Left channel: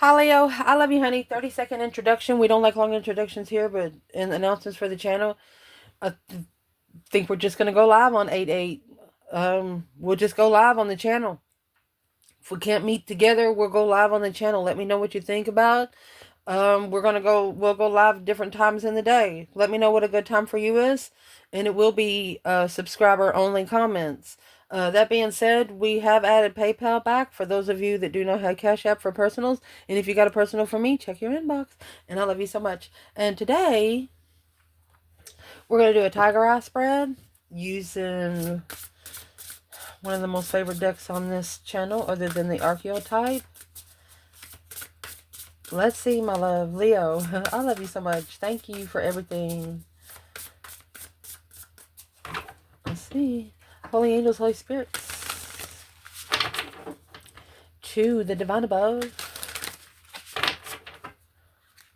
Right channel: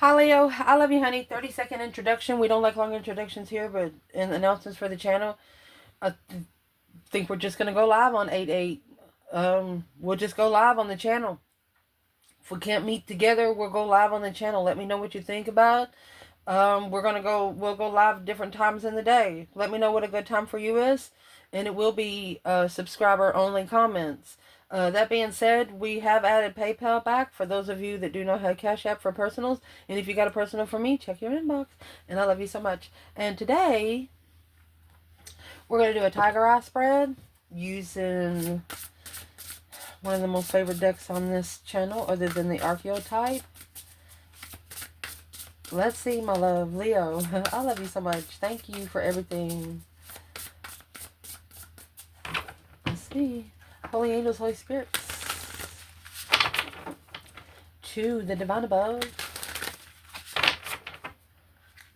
Hi Leo, I love you, honey. 30-second introduction. We don't like long introductions here, but in announcements for the channel, I think we're just gonna go live on 8/8. We'll just go live on the channel. If we can't meet together, we'll go live on the channel. Let me know what you think about. We'll go live different times in the day. Let me know what a good time for you is, and it will be subscriber only comments. That being said, we have added PayPal back for those of you that do not have Cash App for personals. And if you got a personal for me, check your inbox. And I love you so much. And today, we're going to do a tiger eye spread using one of the most favorite decks on this channel, other than the Archeotype. Let's see, my love. Leo, I love you so much. Thank you for everything. Let's see. Holy angels, Holy spirits. To the divine above.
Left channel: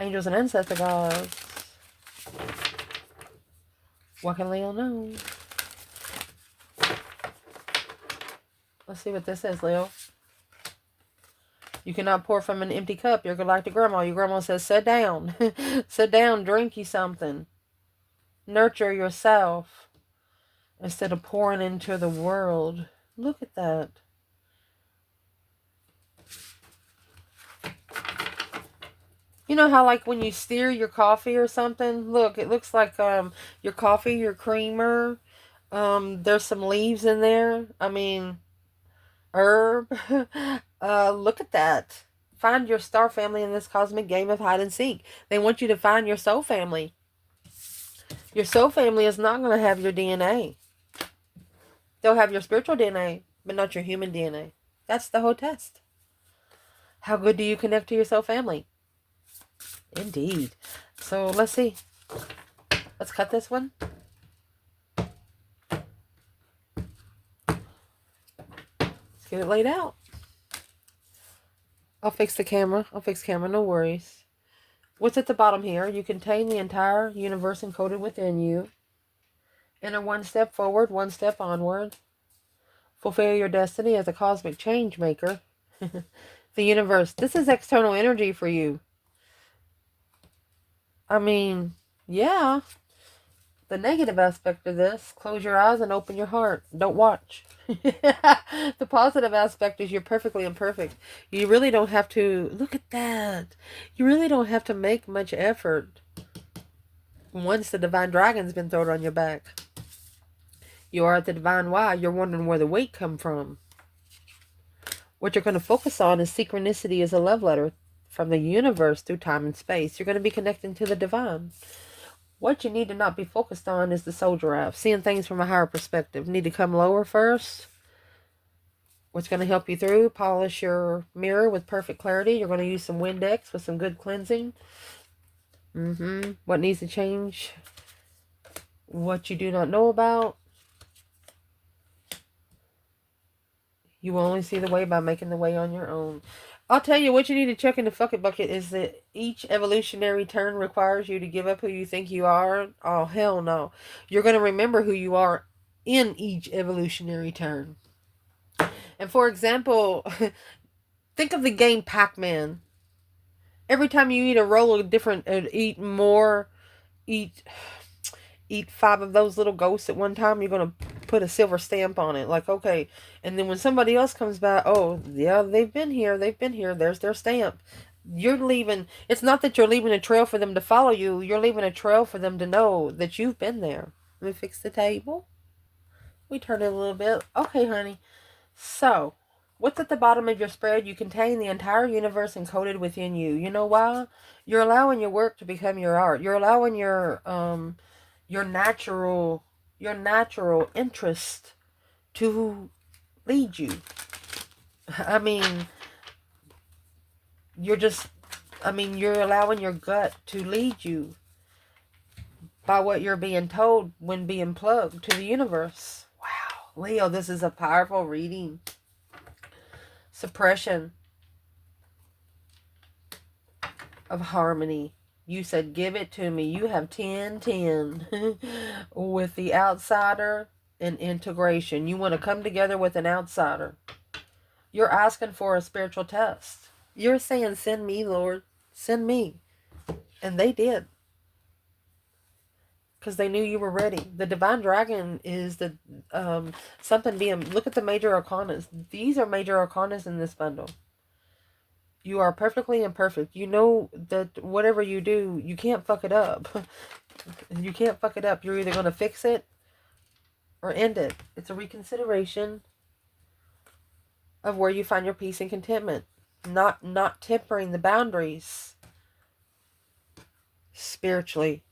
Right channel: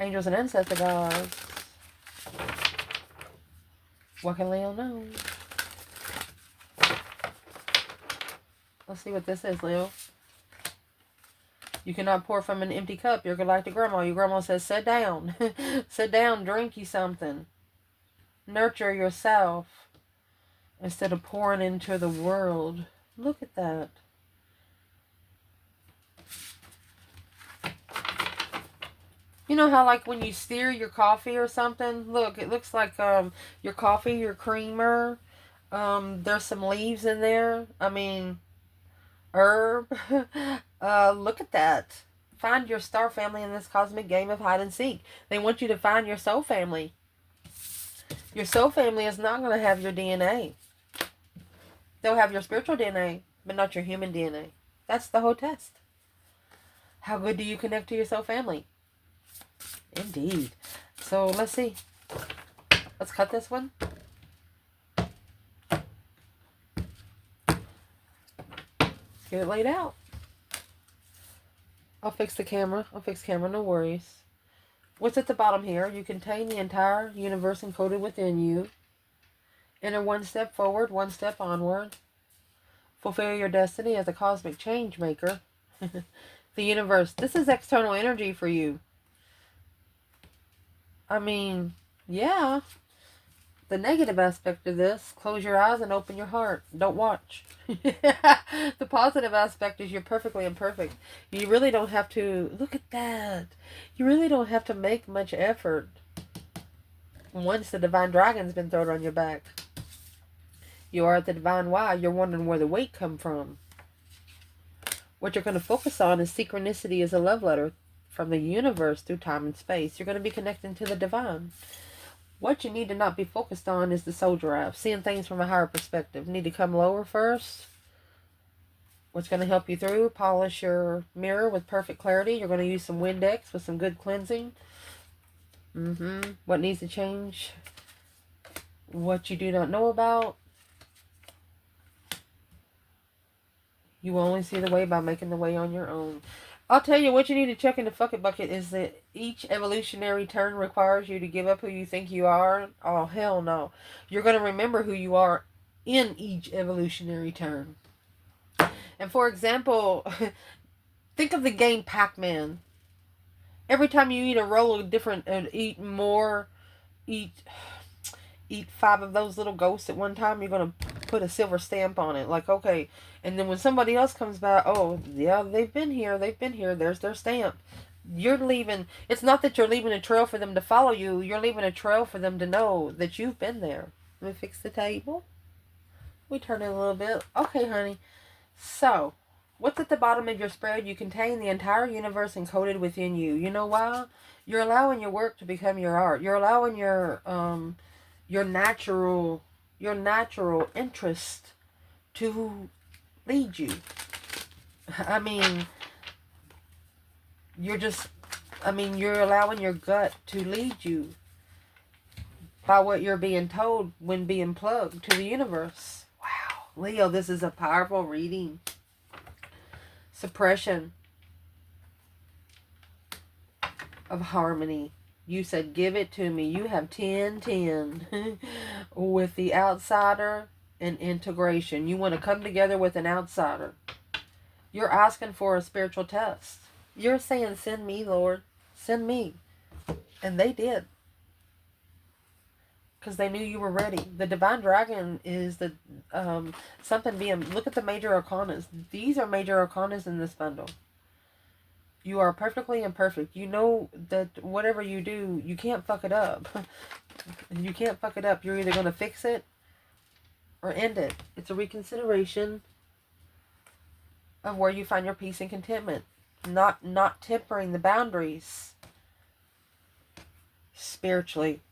Angels and ancestor gods. What can Leo know? Let's see what this says, Leo. You cannot pour from an empty cup. Your galactic grandma. Your grandma says, sit down. Sit down, drink you something. Nurture yourself instead of pouring into the world. Look at that. You know how, like, when you steer your coffee or something? Look, it looks like your coffee, your creamer. There's some leaves in there. I mean, herb. Look at that. Find your star family in this cosmic game of hide and seek. They want you to find your soul family. Your soul family is not going to have your DNA. They'll have your spiritual DNA, but not your human DNA. That's the whole test. How good do you connect to your soul family? Indeed. So let's see. Let's cut this one. Let's get it laid out. I'll fix the camera. No worries. What's at the bottom here? You contain the entire universe encoded within you. Enter one step forward, one step onward. Fulfill your destiny as a cosmic change maker. The universe. This is external energy for you. I mean, yeah. The negative aspect of this, close your eyes and open your heart. Don't watch. The positive aspect is you're perfectly imperfect. You really don't have to, look at that. You really don't have to make much effort once the divine dragon's been thrown on your back. You are at the divine why. You're wondering where the weight come from. What you're going to focus on is synchronicity as a love letter from the universe through time and space. You're going to be connecting to the divine. What you need to not be focused on is the soul giraffe. Seeing things from a higher perspective. Need to come lower first. What's going to help you through? Polish your mirror with perfect clarity. You're going to use some Windex with some good cleansing. What needs to change? What you do not know about. You will only see the way by making the way on your own. I'll tell you what you need to check in the fuck it bucket is that each evolutionary turn requires you to give up who you think you are. Oh, hell no. You're going to remember who you are in each evolutionary turn. And for example, think of the game Pac-Man. Every time you eat a roll of different, eat 5 of those little ghosts at one time, you're going to put a silver stamp on it. Like, okay. And then when somebody else comes by, oh, yeah, they've been here. There's their stamp. You're leaving. It's not that you're leaving a trail for them to follow you. You're leaving a trail for them to know that you've been there. Let me fix the table. We turn it a little bit. Okay, honey. So, what's at the bottom of your spread? You contain the entire universe encoded within you. You know why? You're allowing your work to become your art. You're allowing your natural interest to lead you. I mean, you're allowing your gut to lead you by what you're being told when being plugged to the universe. Wow, Leo, this is a powerful reading. Suppression of harmony. You said, give it to me. You have 10-10 with the outsider and integration. You want to come together with an outsider. You're asking for a spiritual test. You're saying, send me, Lord. Send me. And they did. Because they knew you were ready. The divine dragon is the something being... Look at the major arcanas. These are major arcanas in this bundle. You are perfectly imperfect. You know that whatever you do, you can't fuck it up. You can't fuck it up. You're either going to fix it or end it. It's a reconsideration of where you find your peace and contentment. Not tempering the boundaries spiritually.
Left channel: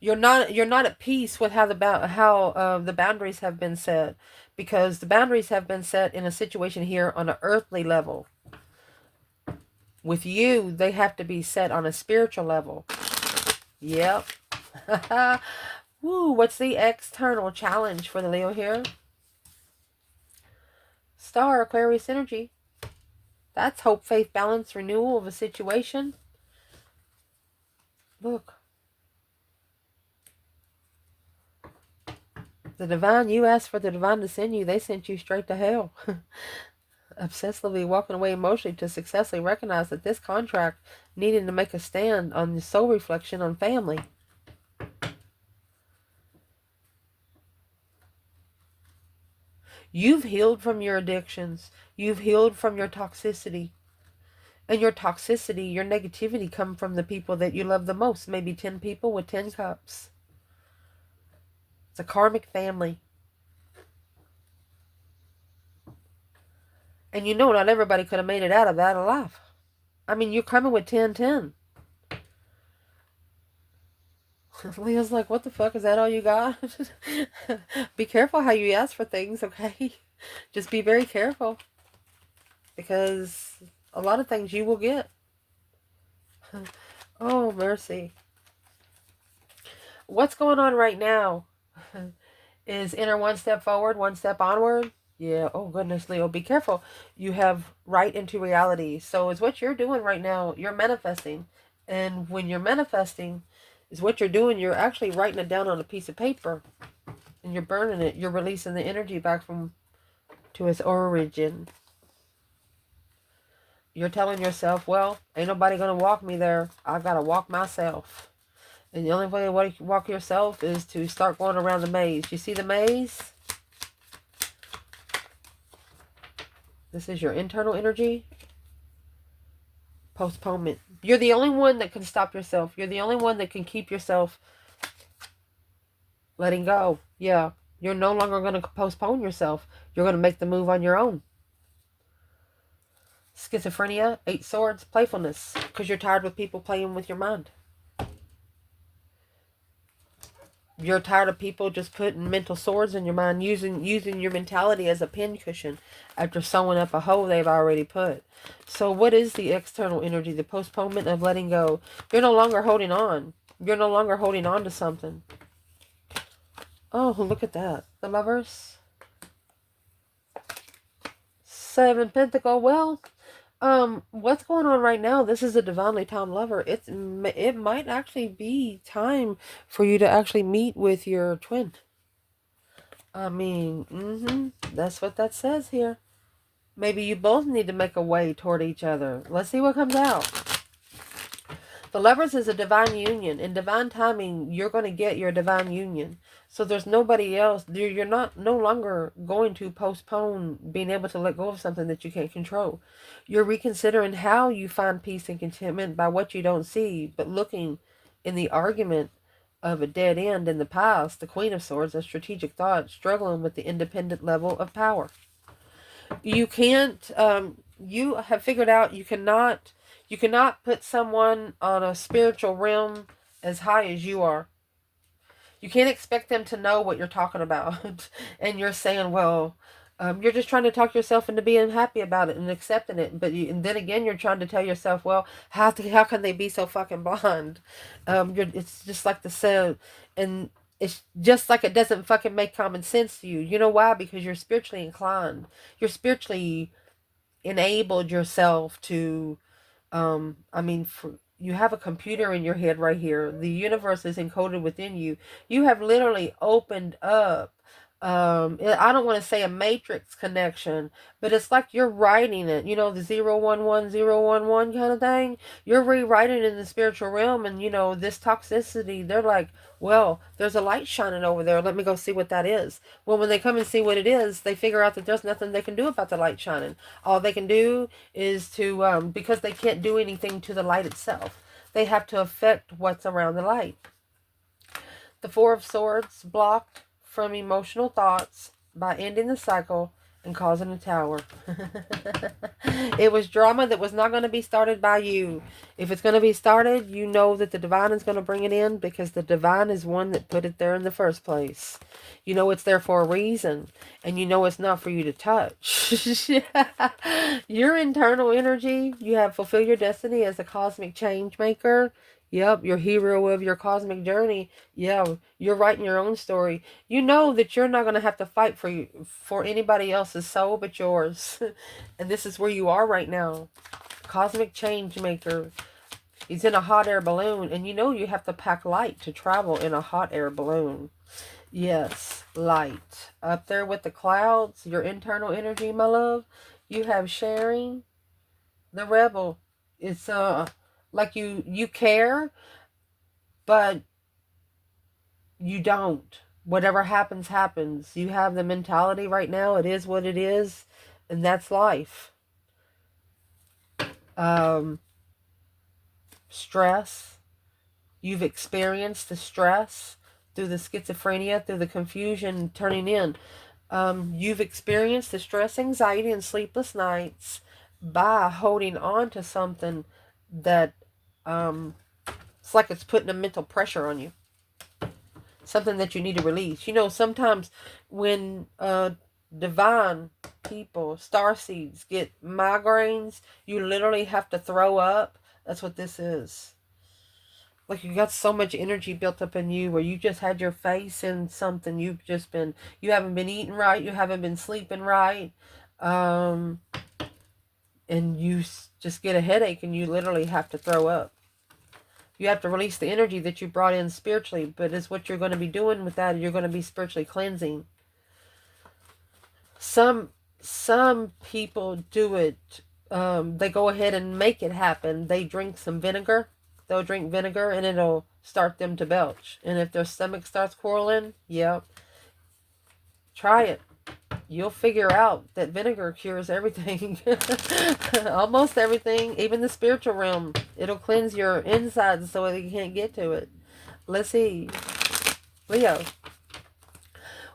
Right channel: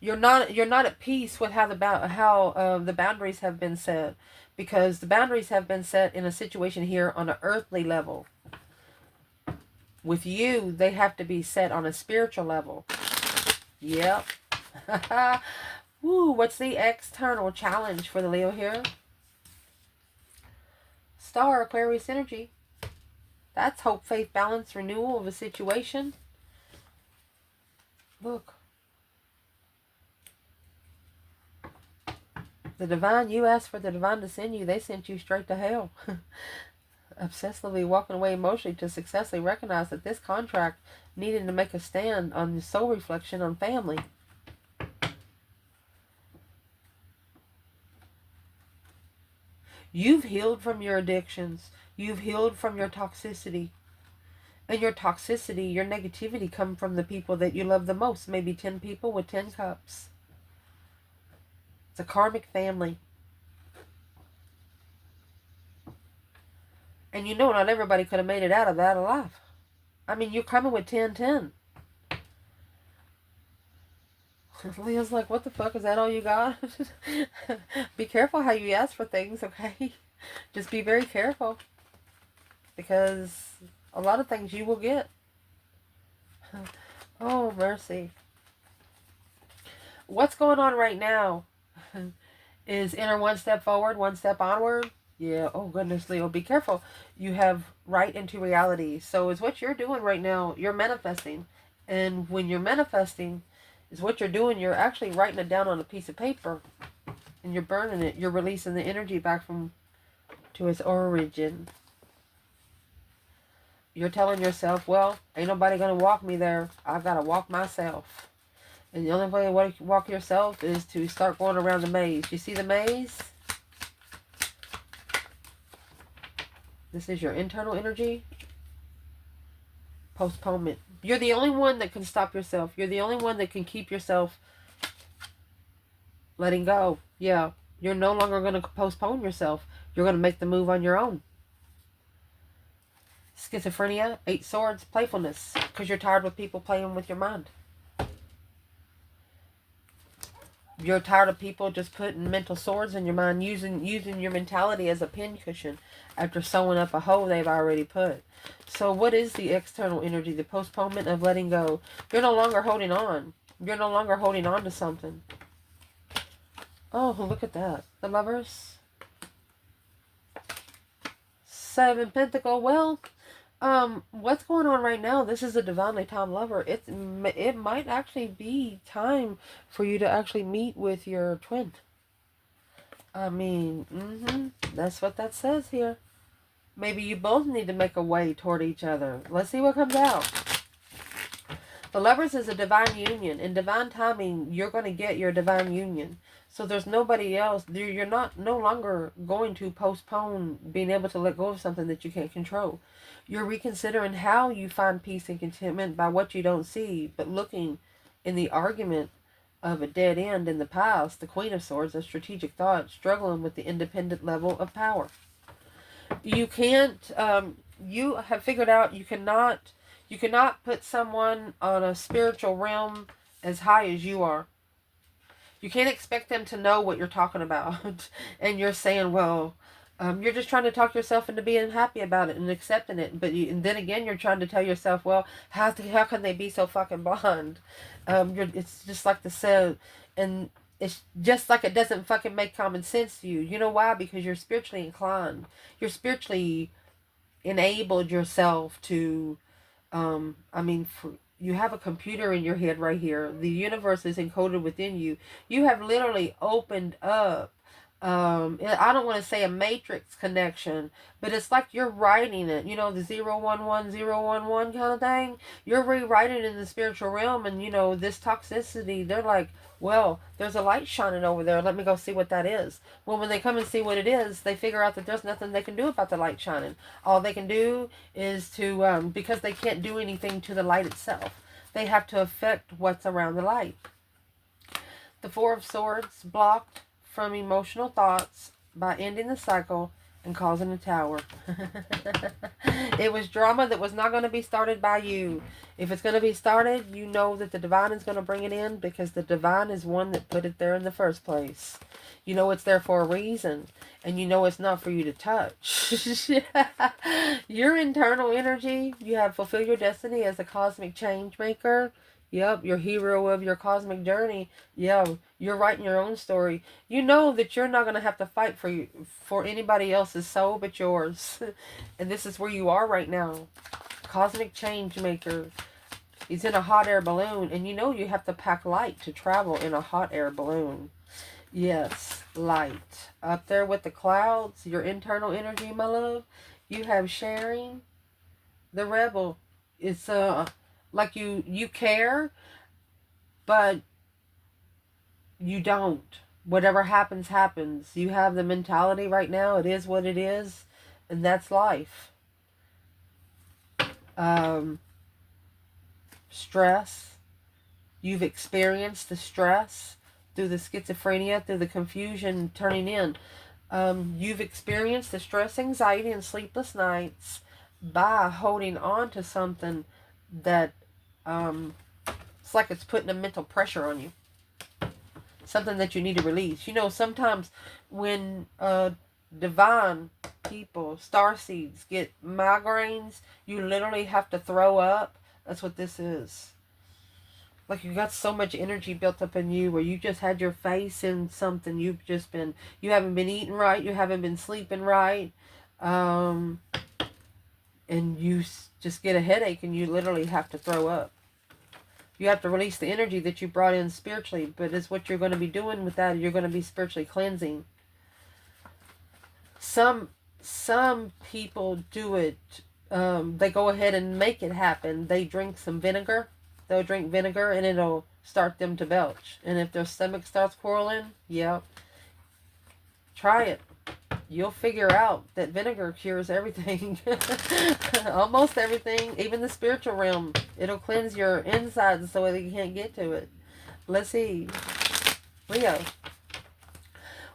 You're not at peace with how the boundaries have been set, because the boundaries have been set in a situation here on an earthly level. With you, they have to be set on a spiritual level. Yep. Woo, what's the external challenge for the Leo here? Star, Aquarius energy. That's hope, faith, balance, renewal of a situation. Look. The divine, you asked for the divine to send you. They sent you straight to hell. Obsessively walking away emotionally to successfully recognize that this contract needed to make a stand on the soul reflection on family. You've healed from your addictions. You've healed from your toxicity. And your toxicity, your negativity come from the people that you love the most. Maybe 10 people with 10 cups. It's a karmic family. And you know, not everybody could have made it out of that alive. I mean, you're coming with 10-10. Leah's like, what the fuck? Is that all you got? Be careful how you ask for things, okay? Just be very careful. Because a lot of things you will get. Oh, mercy. What's going on right now is enter one step forward, one step onward. Yeah, oh goodness, Leo, be careful. You have right into reality. So it's what you're doing right now. You're manifesting. And when you're manifesting, is what you're doing. You're actually writing it down on a piece of paper. And you're burning it. You're releasing the energy back to its origin. You're telling yourself, well, ain't nobody going to walk me there. I've got to walk myself. And the only way to walk yourself is to start going around the maze. You see the maze? This is your internal energy. Postponement. You're the only one that can stop yourself. You're the only one that can keep yourself letting go. Yeah. You're no longer going to postpone yourself. You're going to make the move on your own. Schizophrenia, 8 swords, playfulness. Because you're tired with people playing with your mind. You're tired of people just putting mental swords in your mind, using your mentality as a pincushion after sewing up a hole they've already put. So what is the external energy? The postponement of letting go. You're no longer holding on. You're no longer holding on to something. Oh, look at that. The Lovers. 7 Pentacle. Well, what's going on right now? This is a divinely timed lover. It might actually be time for you to actually meet with your twin. I mean, that's what that says here. Maybe you both need to make a way toward each other. Let's see what comes out. The Lovers is a divine union. In divine timing, you're going to get your divine union. So there's nobody else. You're no longer going to postpone being able to let go of something that you can't control. You're reconsidering how you find peace and contentment by what you don't see, but looking in the argument of a dead end in the past, the Queen of Swords, a strategic thought, struggling with the independent level of power. You can't, you have figured out you cannot put someone on a spiritual realm as high as you are. You can't expect them to know what you're talking about. And you're saying, well, you're just trying to talk yourself into being happy about it and accepting it. And then again, you're trying to tell yourself, well, how can they be so fucking blind? It's just like the sound. And it's just like it doesn't fucking make common sense to you. You know why? Because you're spiritually inclined. You're spiritually enabled yourself to, you have a computer in your head right here. The universe is encoded within you. You have literally opened up I don't want to say a matrix connection, but it's like you're writing it, you know, the 011 011 kind of thing. You're rewriting it in the spiritual realm, and you know, this toxicity, they're like, well, there's a light shining over there, let me go see what that is. Well, when they come and see what it is, they figure out that there's nothing they can do about the light shining. All they can do is to because they can't do anything to the light itself, they have to affect what's around the light. The Four of Swords blocked from emotional thoughts by ending the cycle and causing a tower. It was drama that was not going to be started by you. If it's going to be started, you know that the divine is going to bring it in, because the divine is one that put it there in the first place. You know it's there for a reason, and you know it's not for you to touch. Your internal energy, you have fulfilled your destiny as a cosmic change maker. Yep, your hero of your cosmic journey. Yeah, you're writing your own story. You know that you're not going to have to fight for anybody else's soul but yours. And this is where you are right now. Cosmic change maker. He's in a hot air balloon, and you know you have to pack light to travel in a hot air balloon. Yes, light. Up there with the clouds, your internal energy, my love. You have sharing, the rebel. It's like you care, but you don't. Whatever happens, happens. You have the mentality right now, it is what it is, and that's life. Stress. You've experienced the stress through the schizophrenia, through the confusion turning in. You've experienced the stress, anxiety, and sleepless nights by holding on to something that it's like it's putting a mental pressure on you. Something that you need to release. You know, sometimes when divine people, starseeds, get migraines, you literally have to throw up. That's what this is. Like you got so much energy built up in you, where you just had your face in something. You haven't been eating right. You haven't been sleeping right. And you just get a headache, and you literally have to throw up. You have to release the energy that you brought in spiritually, but it's what you're going to be doing with that. You're going to be spiritually cleansing. Some people do it. They go ahead and make it happen. They drink some vinegar. They'll drink vinegar, and it'll start them to belch. And if their stomach starts quarreling, yeah, try it. You'll figure out that vinegar cures everything. Almost everything, even the spiritual realm. It'll cleanse your insides so that you can't get to it. Let's see. Leo.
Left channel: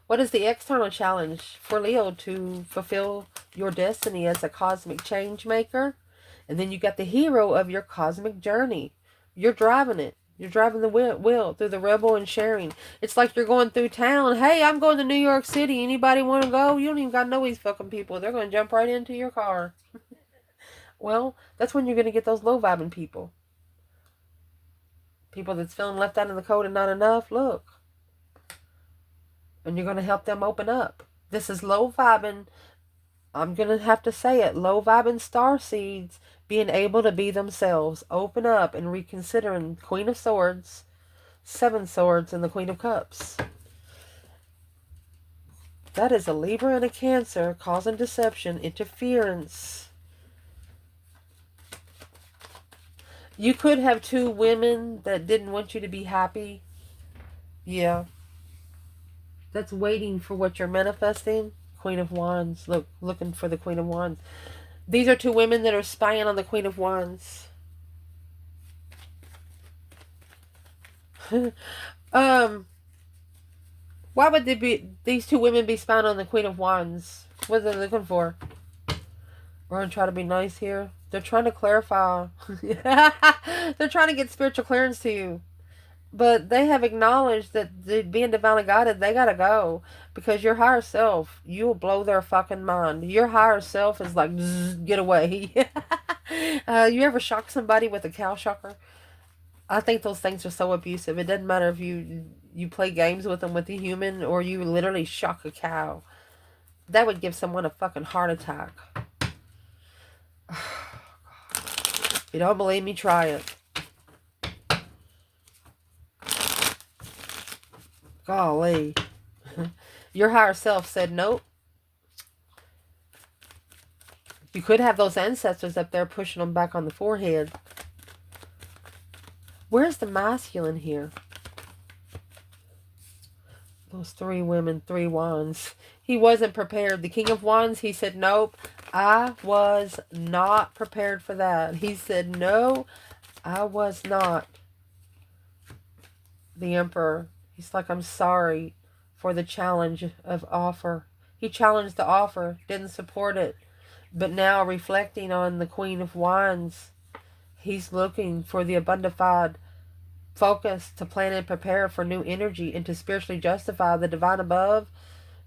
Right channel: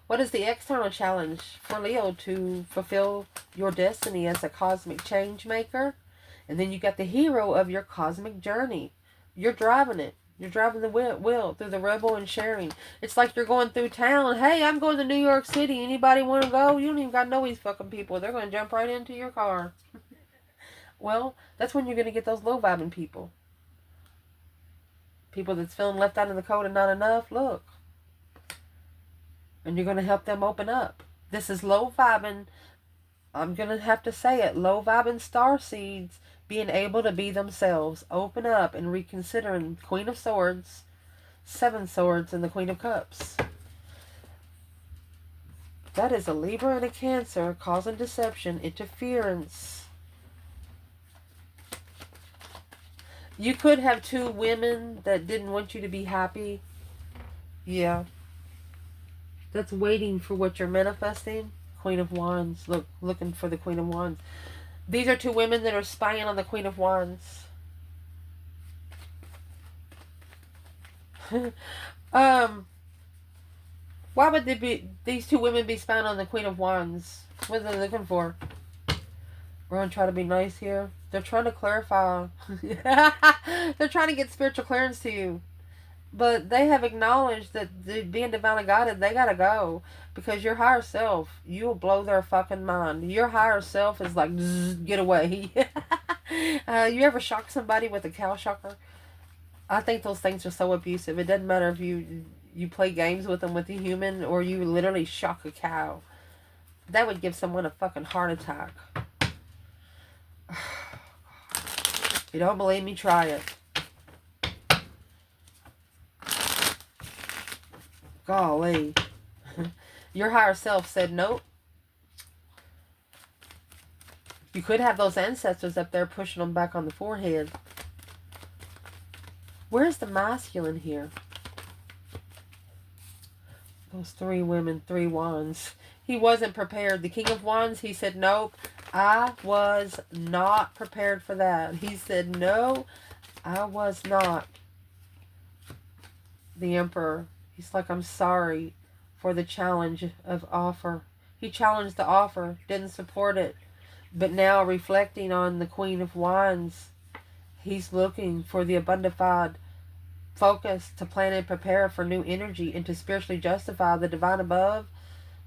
What is the external challenge for Leo to fulfill your destiny as a cosmic change maker? And then you got the hero of your cosmic journey. You're driving it. You're driving the wheel through the rebel and sharing. It's like you're going through town. Hey, I'm going to New York City. Anybody want to go? You don't even got to know these fucking people. They're going to jump right into your car. Well, that's when you're going to get those low vibing people. People that's feeling left out in the cold and not enough. Look. And you're going to help them open up. This is low vibing. I'm going to have to say it. Low vibing star seeds being able to be themselves. Open up and reconsidering Queen of Swords, Seven Swords, and the Queen of Cups. That is a Libra and a Cancer causing deception, interference. You could have two women that didn't want you to be happy. Yeah. That's waiting for what you're manifesting. Queen of Wands. Looking for the Queen of Wands. These are two women that are spying on the Queen of Wands. Why would these two women be spying on the Queen of Wands? What are they looking for? We're going to try to be nice here. They're trying to clarify. They're trying to get spiritual clearance to you. But they have acknowledged that being divinely guided, they gotta go. Because your higher self, you'll blow their fucking mind. Your higher self is like, get away. You ever shock somebody with a cow shocker? I think those things are so abusive. It doesn't matter if you play games with them with a human, or you literally shock a cow. That would give someone a fucking heart attack. If you don't believe me, try it. Golly. Your higher self said nope. You could have those ancestors up there pushing them back on the forehead. Where's the masculine here? Those 3 women, 3 wands. He wasn't prepared. The King of Wands, he said, nope, I was not prepared for that. He said, no, I was not. The Emperor, he's like, I'm sorry for the challenge of offer. He challenged the offer, didn't support it. But now, reflecting on the Queen of Wands, he's looking for the abundified focus to plan and prepare for new energy and to spiritually justify the divine above,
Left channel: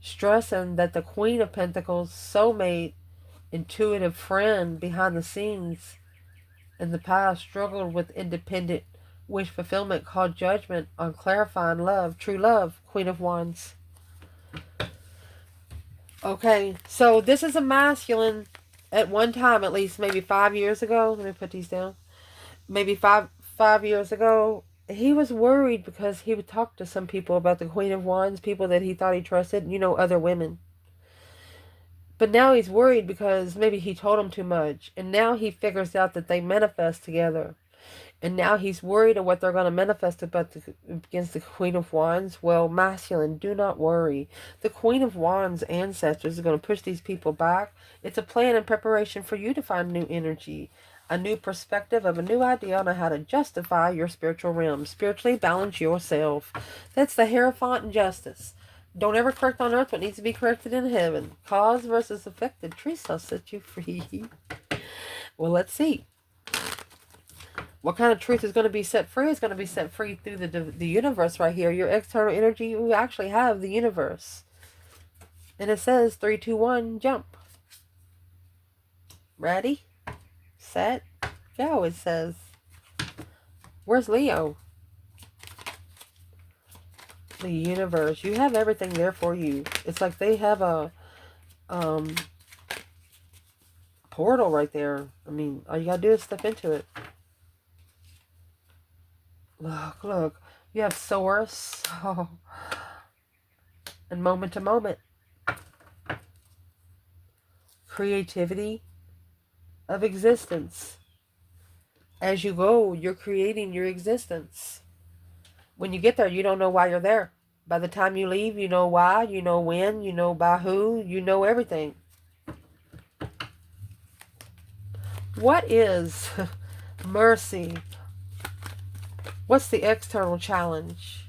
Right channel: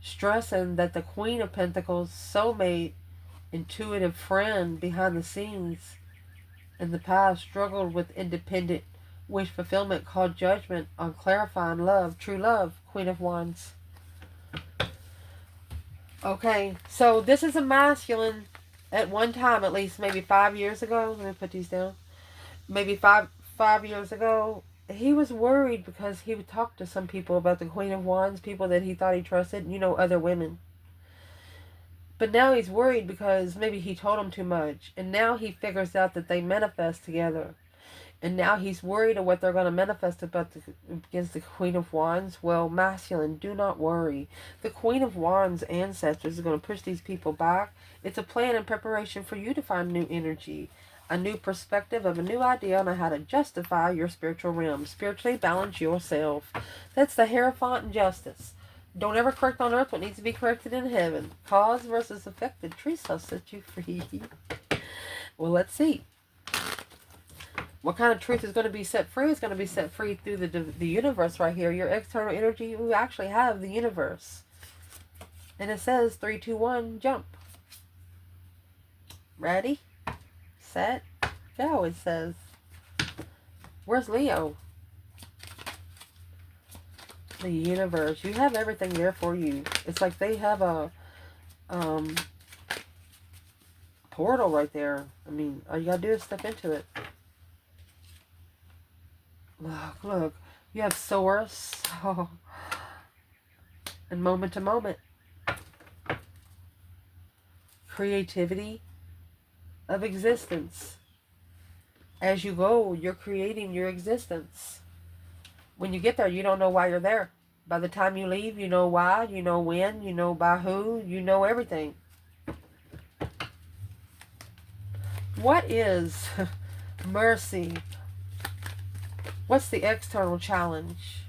stressing that the Queen of Pentacles, soulmate, intuitive friend behind the scenes in the past, struggled with independent wish fulfillment, called judgment on clarifying love, true love, Queen of Wands. Okay, so this is a masculine at one time, at least maybe 5 years ago. Let me put these down. Maybe five years ago, he was worried because he would talk to some people about the Queen of Wands, people that he thought he trusted, you know, other women. But now he's worried because maybe he told them too much. And now he figures out that they manifest together. And now he's worried of what they're going to manifest against the Queen of Wands. Well, masculine, do not worry. The Queen of Wands ancestors are going to push these people back. It's a plan and preparation for you to find new energy, a new perspective of a new idea on how to justify your spiritual realm. Spiritually balance yourself. That's the Hierophant and Justice. Don't ever correct on earth what needs to be corrected in heaven. Cause versus effect. The truth shall set you free. Well, let's see. What kind of truth is going to be set free? It's going to be set free through the universe right here. Your external energy, you actually have the universe. And it says 3, 2, 1, jump. Ready? Set? Go, it says. Where's Leo? The universe. You have everything there for you. It's like they have a portal right there. I mean, all you got to do is step into it. Look, look. You have source. Oh. And moment to moment. Creativity of existence. As you go, you're creating your existence. When you get there, you don't know why you're there. By the time you leave, you know why, you know when, you know by who, you know everything. What is mercy? What's the external challenge?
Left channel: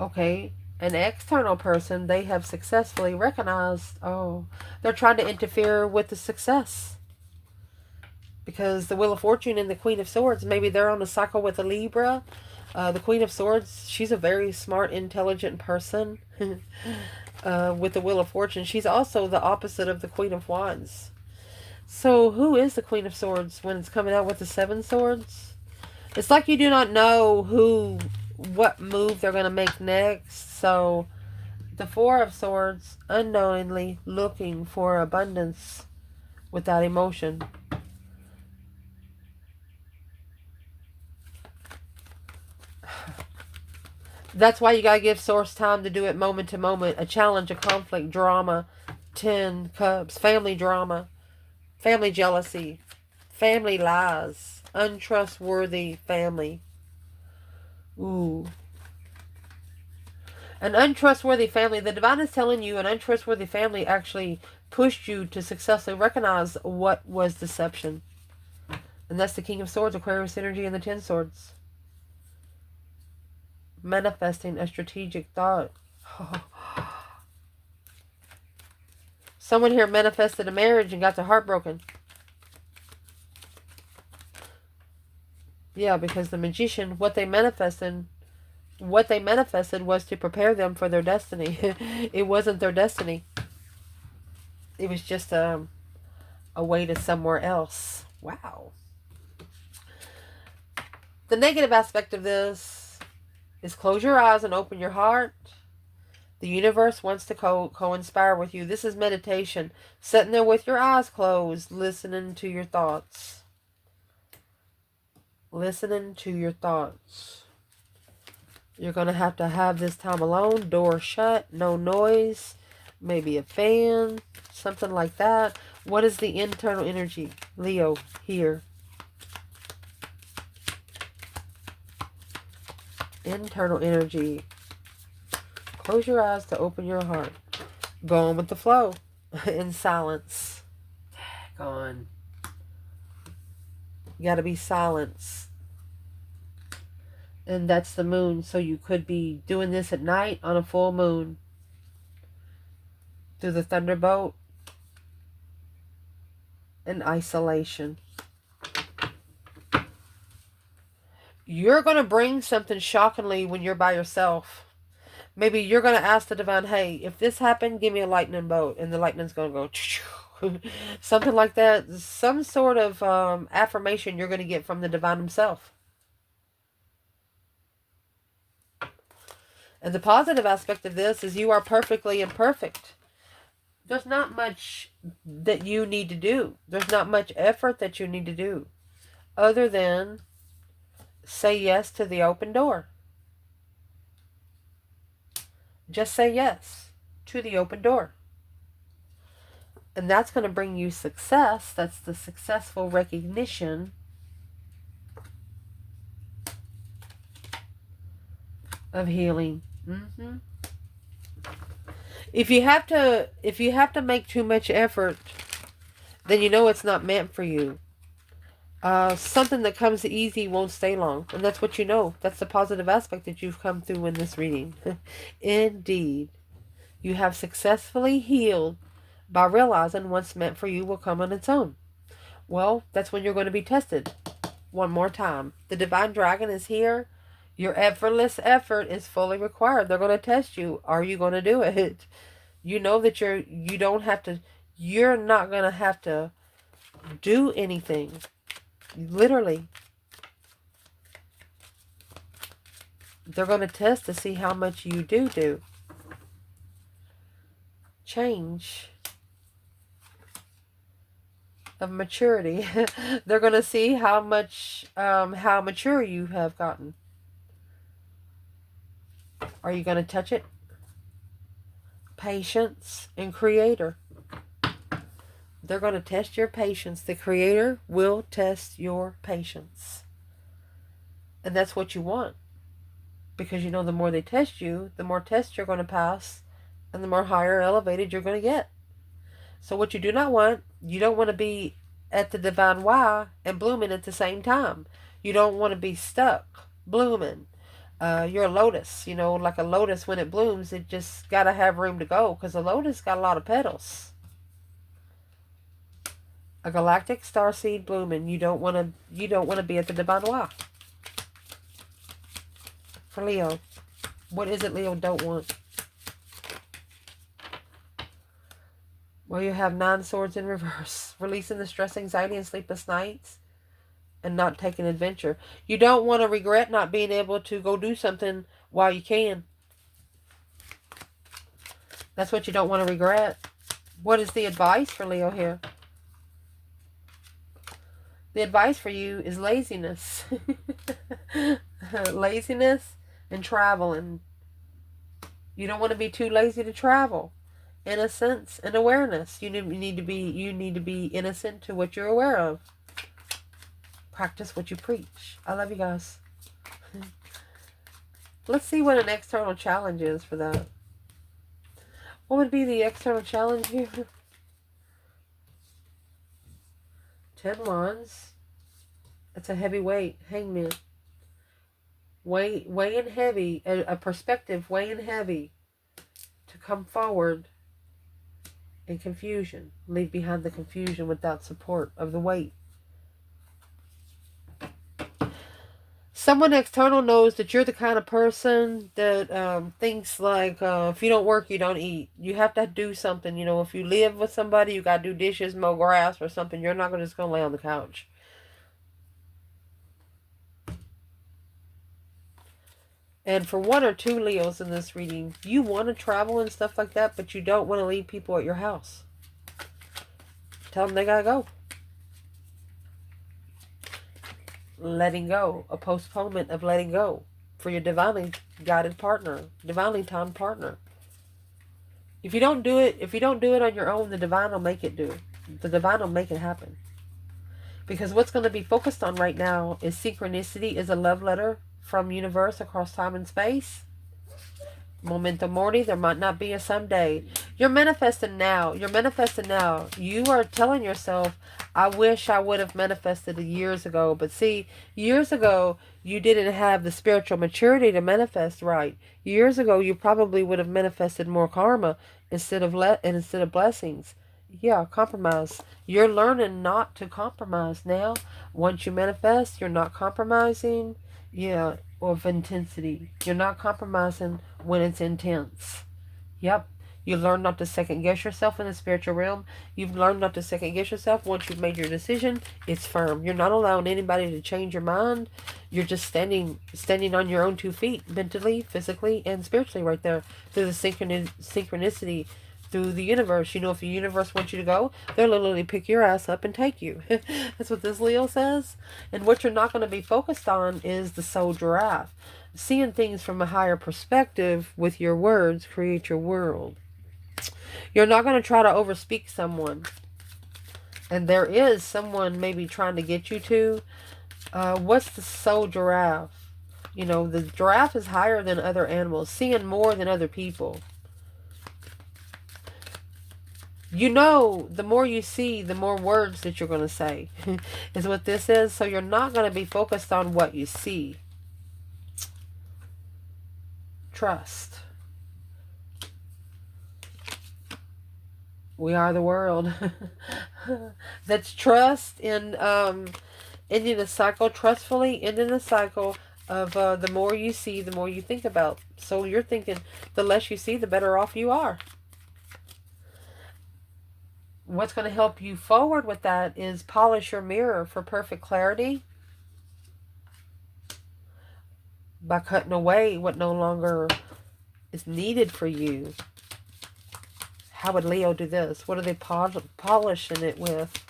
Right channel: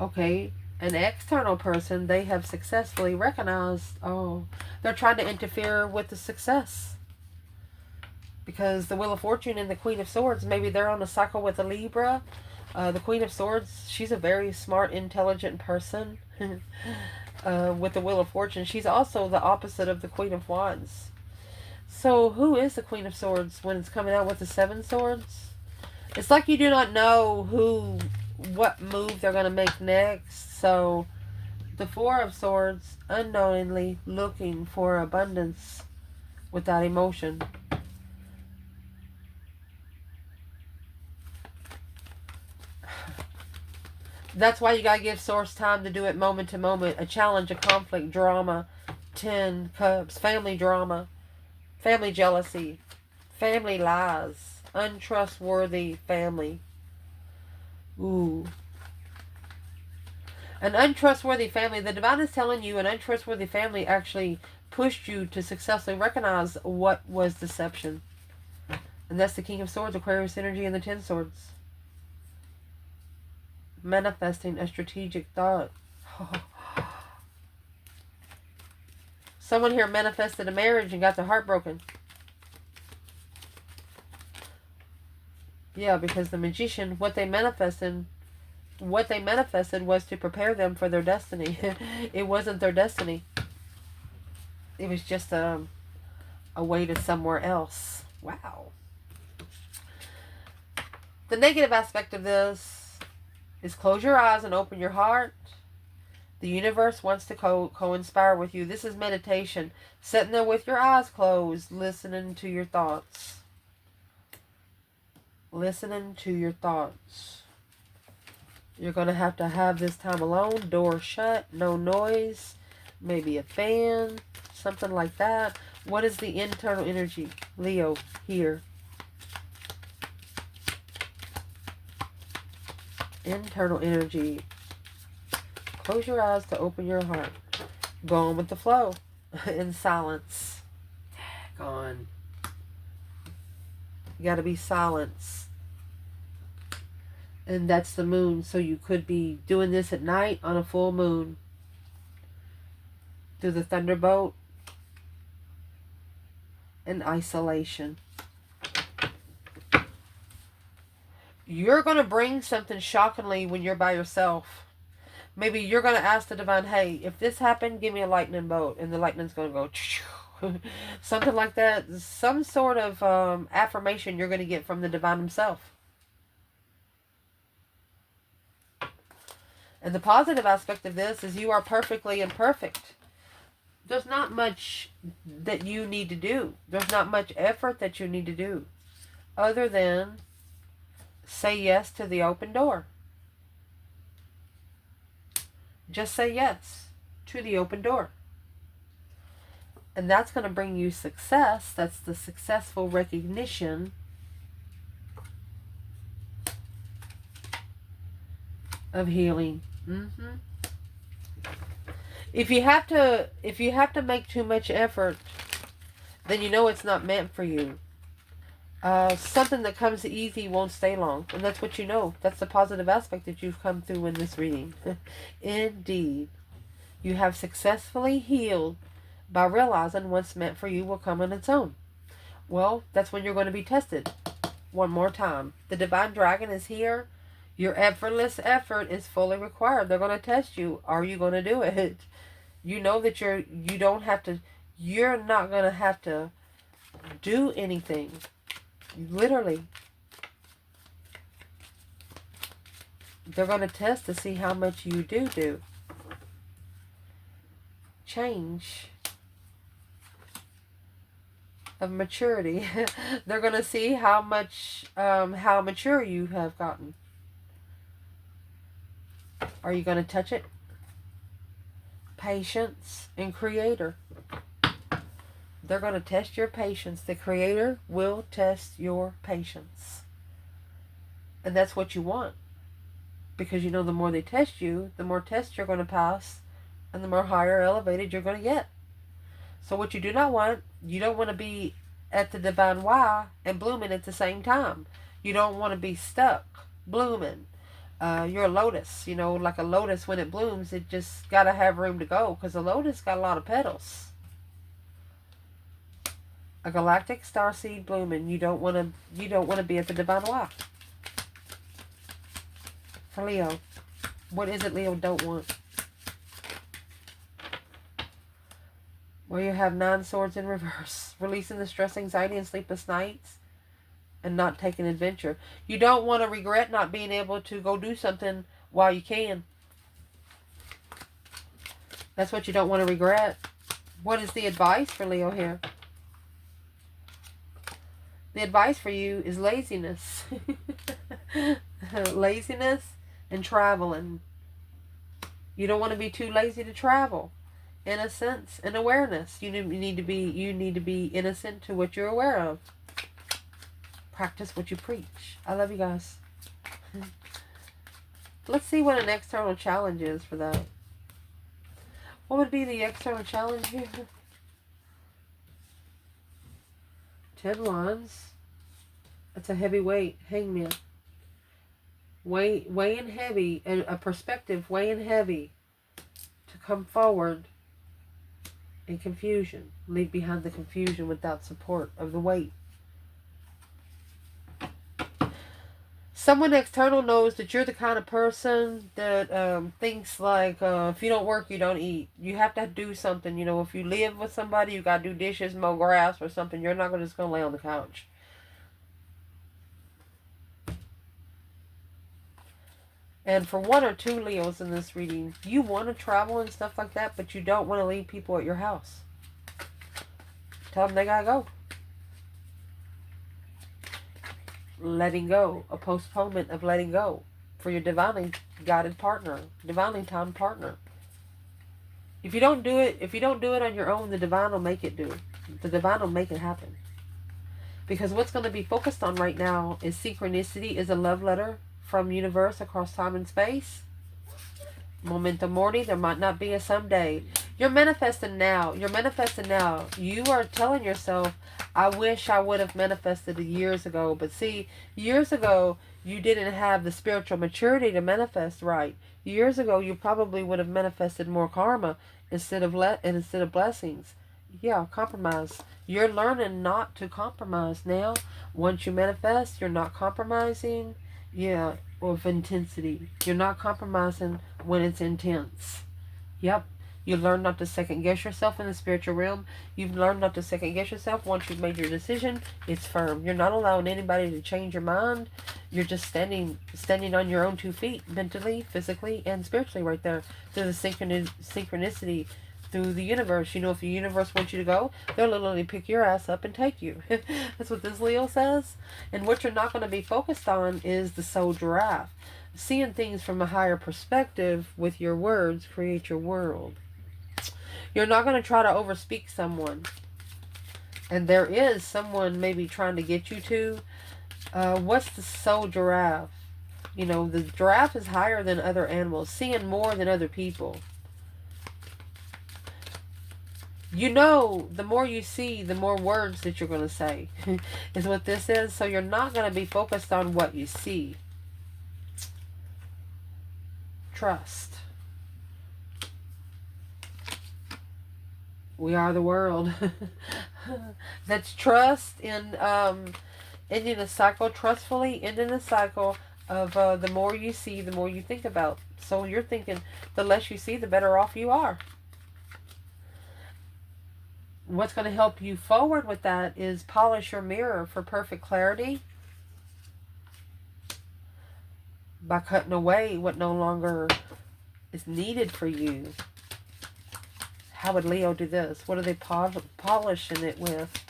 Okay, an external person, they have successfully recognized, oh, they're trying to interfere with the success. Because the Wheel of Fortune and the Queen of Swords, maybe they're on a cycle with a Libra. The Queen of Swords, she's a very smart, intelligent person. With the Wheel of Fortune, she's also the opposite of the Queen of Wands. So who is the Queen of Swords when it's coming out with the 7 swords? It's like you do not know what move they're going to make next. So the 4 of Swords, unknowingly looking for abundance without emotion. That's why you got to give Source time to do it moment to moment. A challenge, a conflict, drama, 10 Cups, family drama, family jealousy, family lies, untrustworthy family. Ooh. An untrustworthy family. The divine is telling you an untrustworthy family actually pushed you to successfully recognize what was deception. And that's the King of Swords, Aquarius energy, and the 10 Swords. Manifesting a strategic thought. Someone here manifested a marriage and got their heart broken. Yeah, because the Magician, what they manifested was to prepare them for their destiny. It wasn't their destiny. It was just a way to somewhere else. Wow. The negative aspect of this is close your eyes and open your heart. The universe wants to co-inspire with you. This is meditation. Sitting there with your eyes closed, listening to your thoughts. Listening to your thoughts. You're going to have this time alone, door shut, no noise, maybe a fan, something like that. What is the internal energy, Leo, here? Internal energy. Close your eyes to open your heart. Go on with the flow in silence. Go on. You got to be silence. And that's the moon. So you could be doing this at night on a full moon. Through the thunderbolt. In isolation. You're going to bring something shockingly when you're by yourself. Maybe you're going to ask the divine, hey, if this happened, give me a lightning bolt. And the lightning's going to go. Something like that. Some sort of affirmation you're going to get from the divine himself. And the positive aspect of this is you are perfectly imperfect. There's not much that you need to do. There's not much effort that you need to do. Other than say yes to the open door. Just say yes to the open door. And that's going to bring you success. That's the successful recognition of healing. If you have to make too much effort, then you know it's not meant for you. Something that comes easy won't stay long. And that's what you know. That's the positive aspect that you've come through in this reading. Indeed. You have successfully healed by realizing what's meant for you will come on its own. Well, that's when you're going to be tested. One more time. The Divine Dragon is here. Your effortless effort is fully required. They're going to test you. Are you going to do it? You know that you're not going to have to do anything. Literally. They're going to test to see how much you do. Change of maturity. They're going to see how mature you have gotten. Are you going to touch it? Patience and Creator. They're going to test your patience. The Creator will test your patience. And that's what you want. Because you know the more they test you, the more tests you're going to pass, and the more higher elevated you're going to get. So what you do not want, you don't want to be at the Divine Y and blooming at the same time. You don't want to be stuck blooming. You're a lotus, you know, like a lotus when it blooms, it just got to have room to go because a lotus got a lot of petals. A galactic starseed blooming. You don't want to be at the Divine Y. For Leo, what is it Leo don't want? Well, you have 9 swords in reverse. Releasing the stress, anxiety, and sleepless nights. And not taking adventure. You don't want to regret not being able to go do something while you can. That's what you don't want to regret. What is the advice for Leo here? The advice for you is laziness. Laziness and traveling. You don't want to be too lazy to travel. Innocence and awareness. You need to be innocent to what you're aware of. Practice what you preach. I love you guys. Let's see what an external challenge is for that. What would be the external challenge here? 10 wands. That's a heavy weight. Hangman. Weighing heavy. A perspective weighing heavy. To come forward in confusion. Leave behind the confusion without support of the weight. Someone external knows that you're the kind of person that thinks like, if you don't work, you don't eat. You have to do something. You know, if you live with somebody, you got to do dishes, mow grass or something. You're not just going to lay on the couch. And for 1 or 2 Leos in this reading, you want to travel and stuff like that, but you don't want to leave people at your house. Tell them they got to go. Letting go, a postponement of letting go for your divine guided partner, divinely timed partner. If you don't do it on your own, the divine will make it do it. The divine will make it happen. Because what's going to be focused on right now is synchronicity is a love letter from universe across time and space. Momentum Morty, there might not be a someday. You're manifesting now. You're manifesting now. You are telling yourself, I wish I would have manifested years ago. But see, years ago, you didn't have the spiritual maturity to manifest right. Years ago, you probably would have manifested more karma instead of blessings. Yeah, compromise. You're learning not to compromise now. Once you manifest, you're not compromising. Yeah, of intensity. You're not compromising when it's intense. Yep. You learn not to second guess yourself in the spiritual realm. You've learned not to second guess yourself. Once you've made your decision, it's firm. You're not allowing anybody to change your mind. You're just standing on your own 2 feet, mentally, physically, and spiritually right there through the synchronicity through the universe. You know, if the universe wants you to go, they'll literally pick your ass up and take you. That's what this Leo says. And what you're not going to be focused on is the soul giraffe. Seeing things from a higher perspective with your words create your world. You're not going to try to overspeak someone. And there is someone maybe trying to get you to. What's the soul giraffe? You know, the giraffe is higher than other animals, seeing more than other people. You know, the more you see, the more words that you're going to say is what this is. So you're not going to be focused on what you see. Trust. We are the world. That's trust in ending a cycle, trustfully ending a cycle of the more you see, the more you think about. So you're thinking the less you see, the better off you are. What's going to help you forward with that is polish your mirror for perfect clarity by cutting away what no longer is needed for you. How would Leo do this? What are they polishing it with?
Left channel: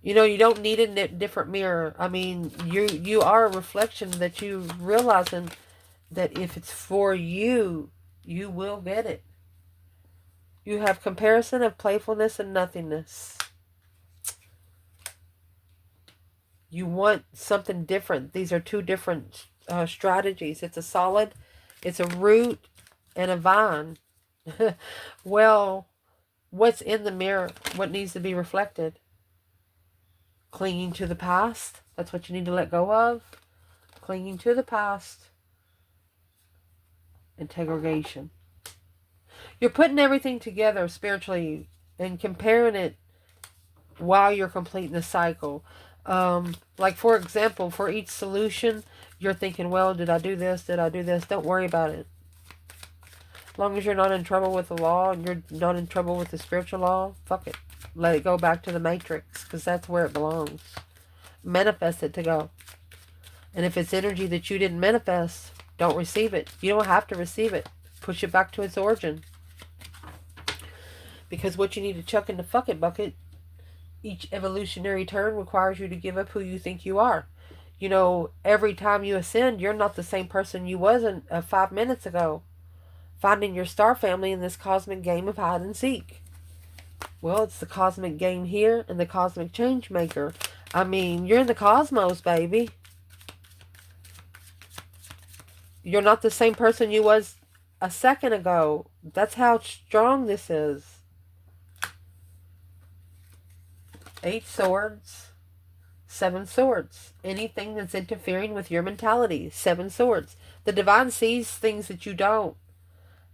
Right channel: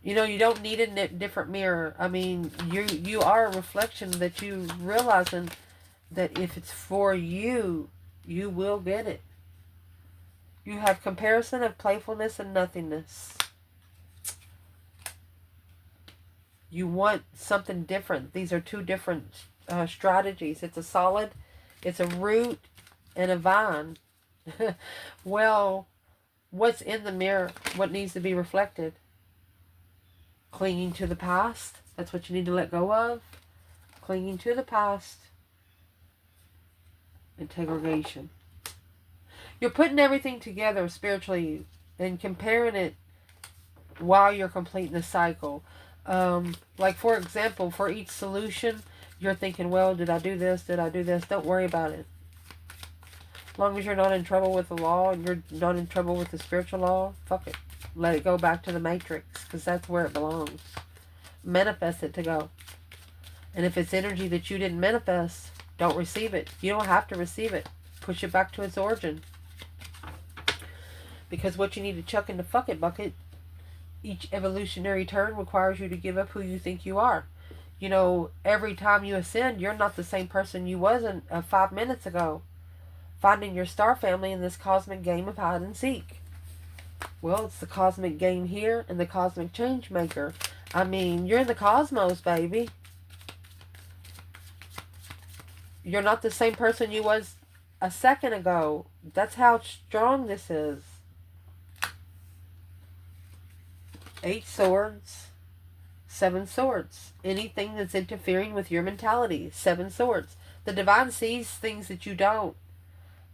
You know, you don't need a different mirror. I mean, you are a reflection that you realizing that if it's for you, you will get it. You have comparison of playfulness and nothingness. You want something different. These are 2 different strategies. It's a solid, it's a root, and a vine. Well, what's in the mirror? What needs to be reflected? Clinging to the past. That's what you need to let go of. Clinging to the past. Integration. You're putting everything together spiritually and comparing it while you're completing the cycle. Like, for example, for each solution, you're thinking, well, did I do this? Did I do this? Don't worry about it. As long as you're not in trouble with the law and you're not in trouble with the spiritual law, fuck it. Let it go back to the matrix, because that's where it belongs. Manifest it to go. And if it's energy that you didn't manifest, don't receive it. You don't have to receive it. Push it back to its origin. Because what you need to chuck in the fuck it bucket, each evolutionary turn requires you to give up who you think you are. You know, every time you ascend, you're not the same person you wasn't 5 minutes ago. Finding your star family in this cosmic game of hide and seek. Well, it's the cosmic game here and the cosmic change maker. I mean, you're in the cosmos, baby. You're not the same person you was a second ago. That's how strong this is. 8 swords, 7 swords. Anything that's interfering with your mentality, 7 swords. The divine sees things that you don't.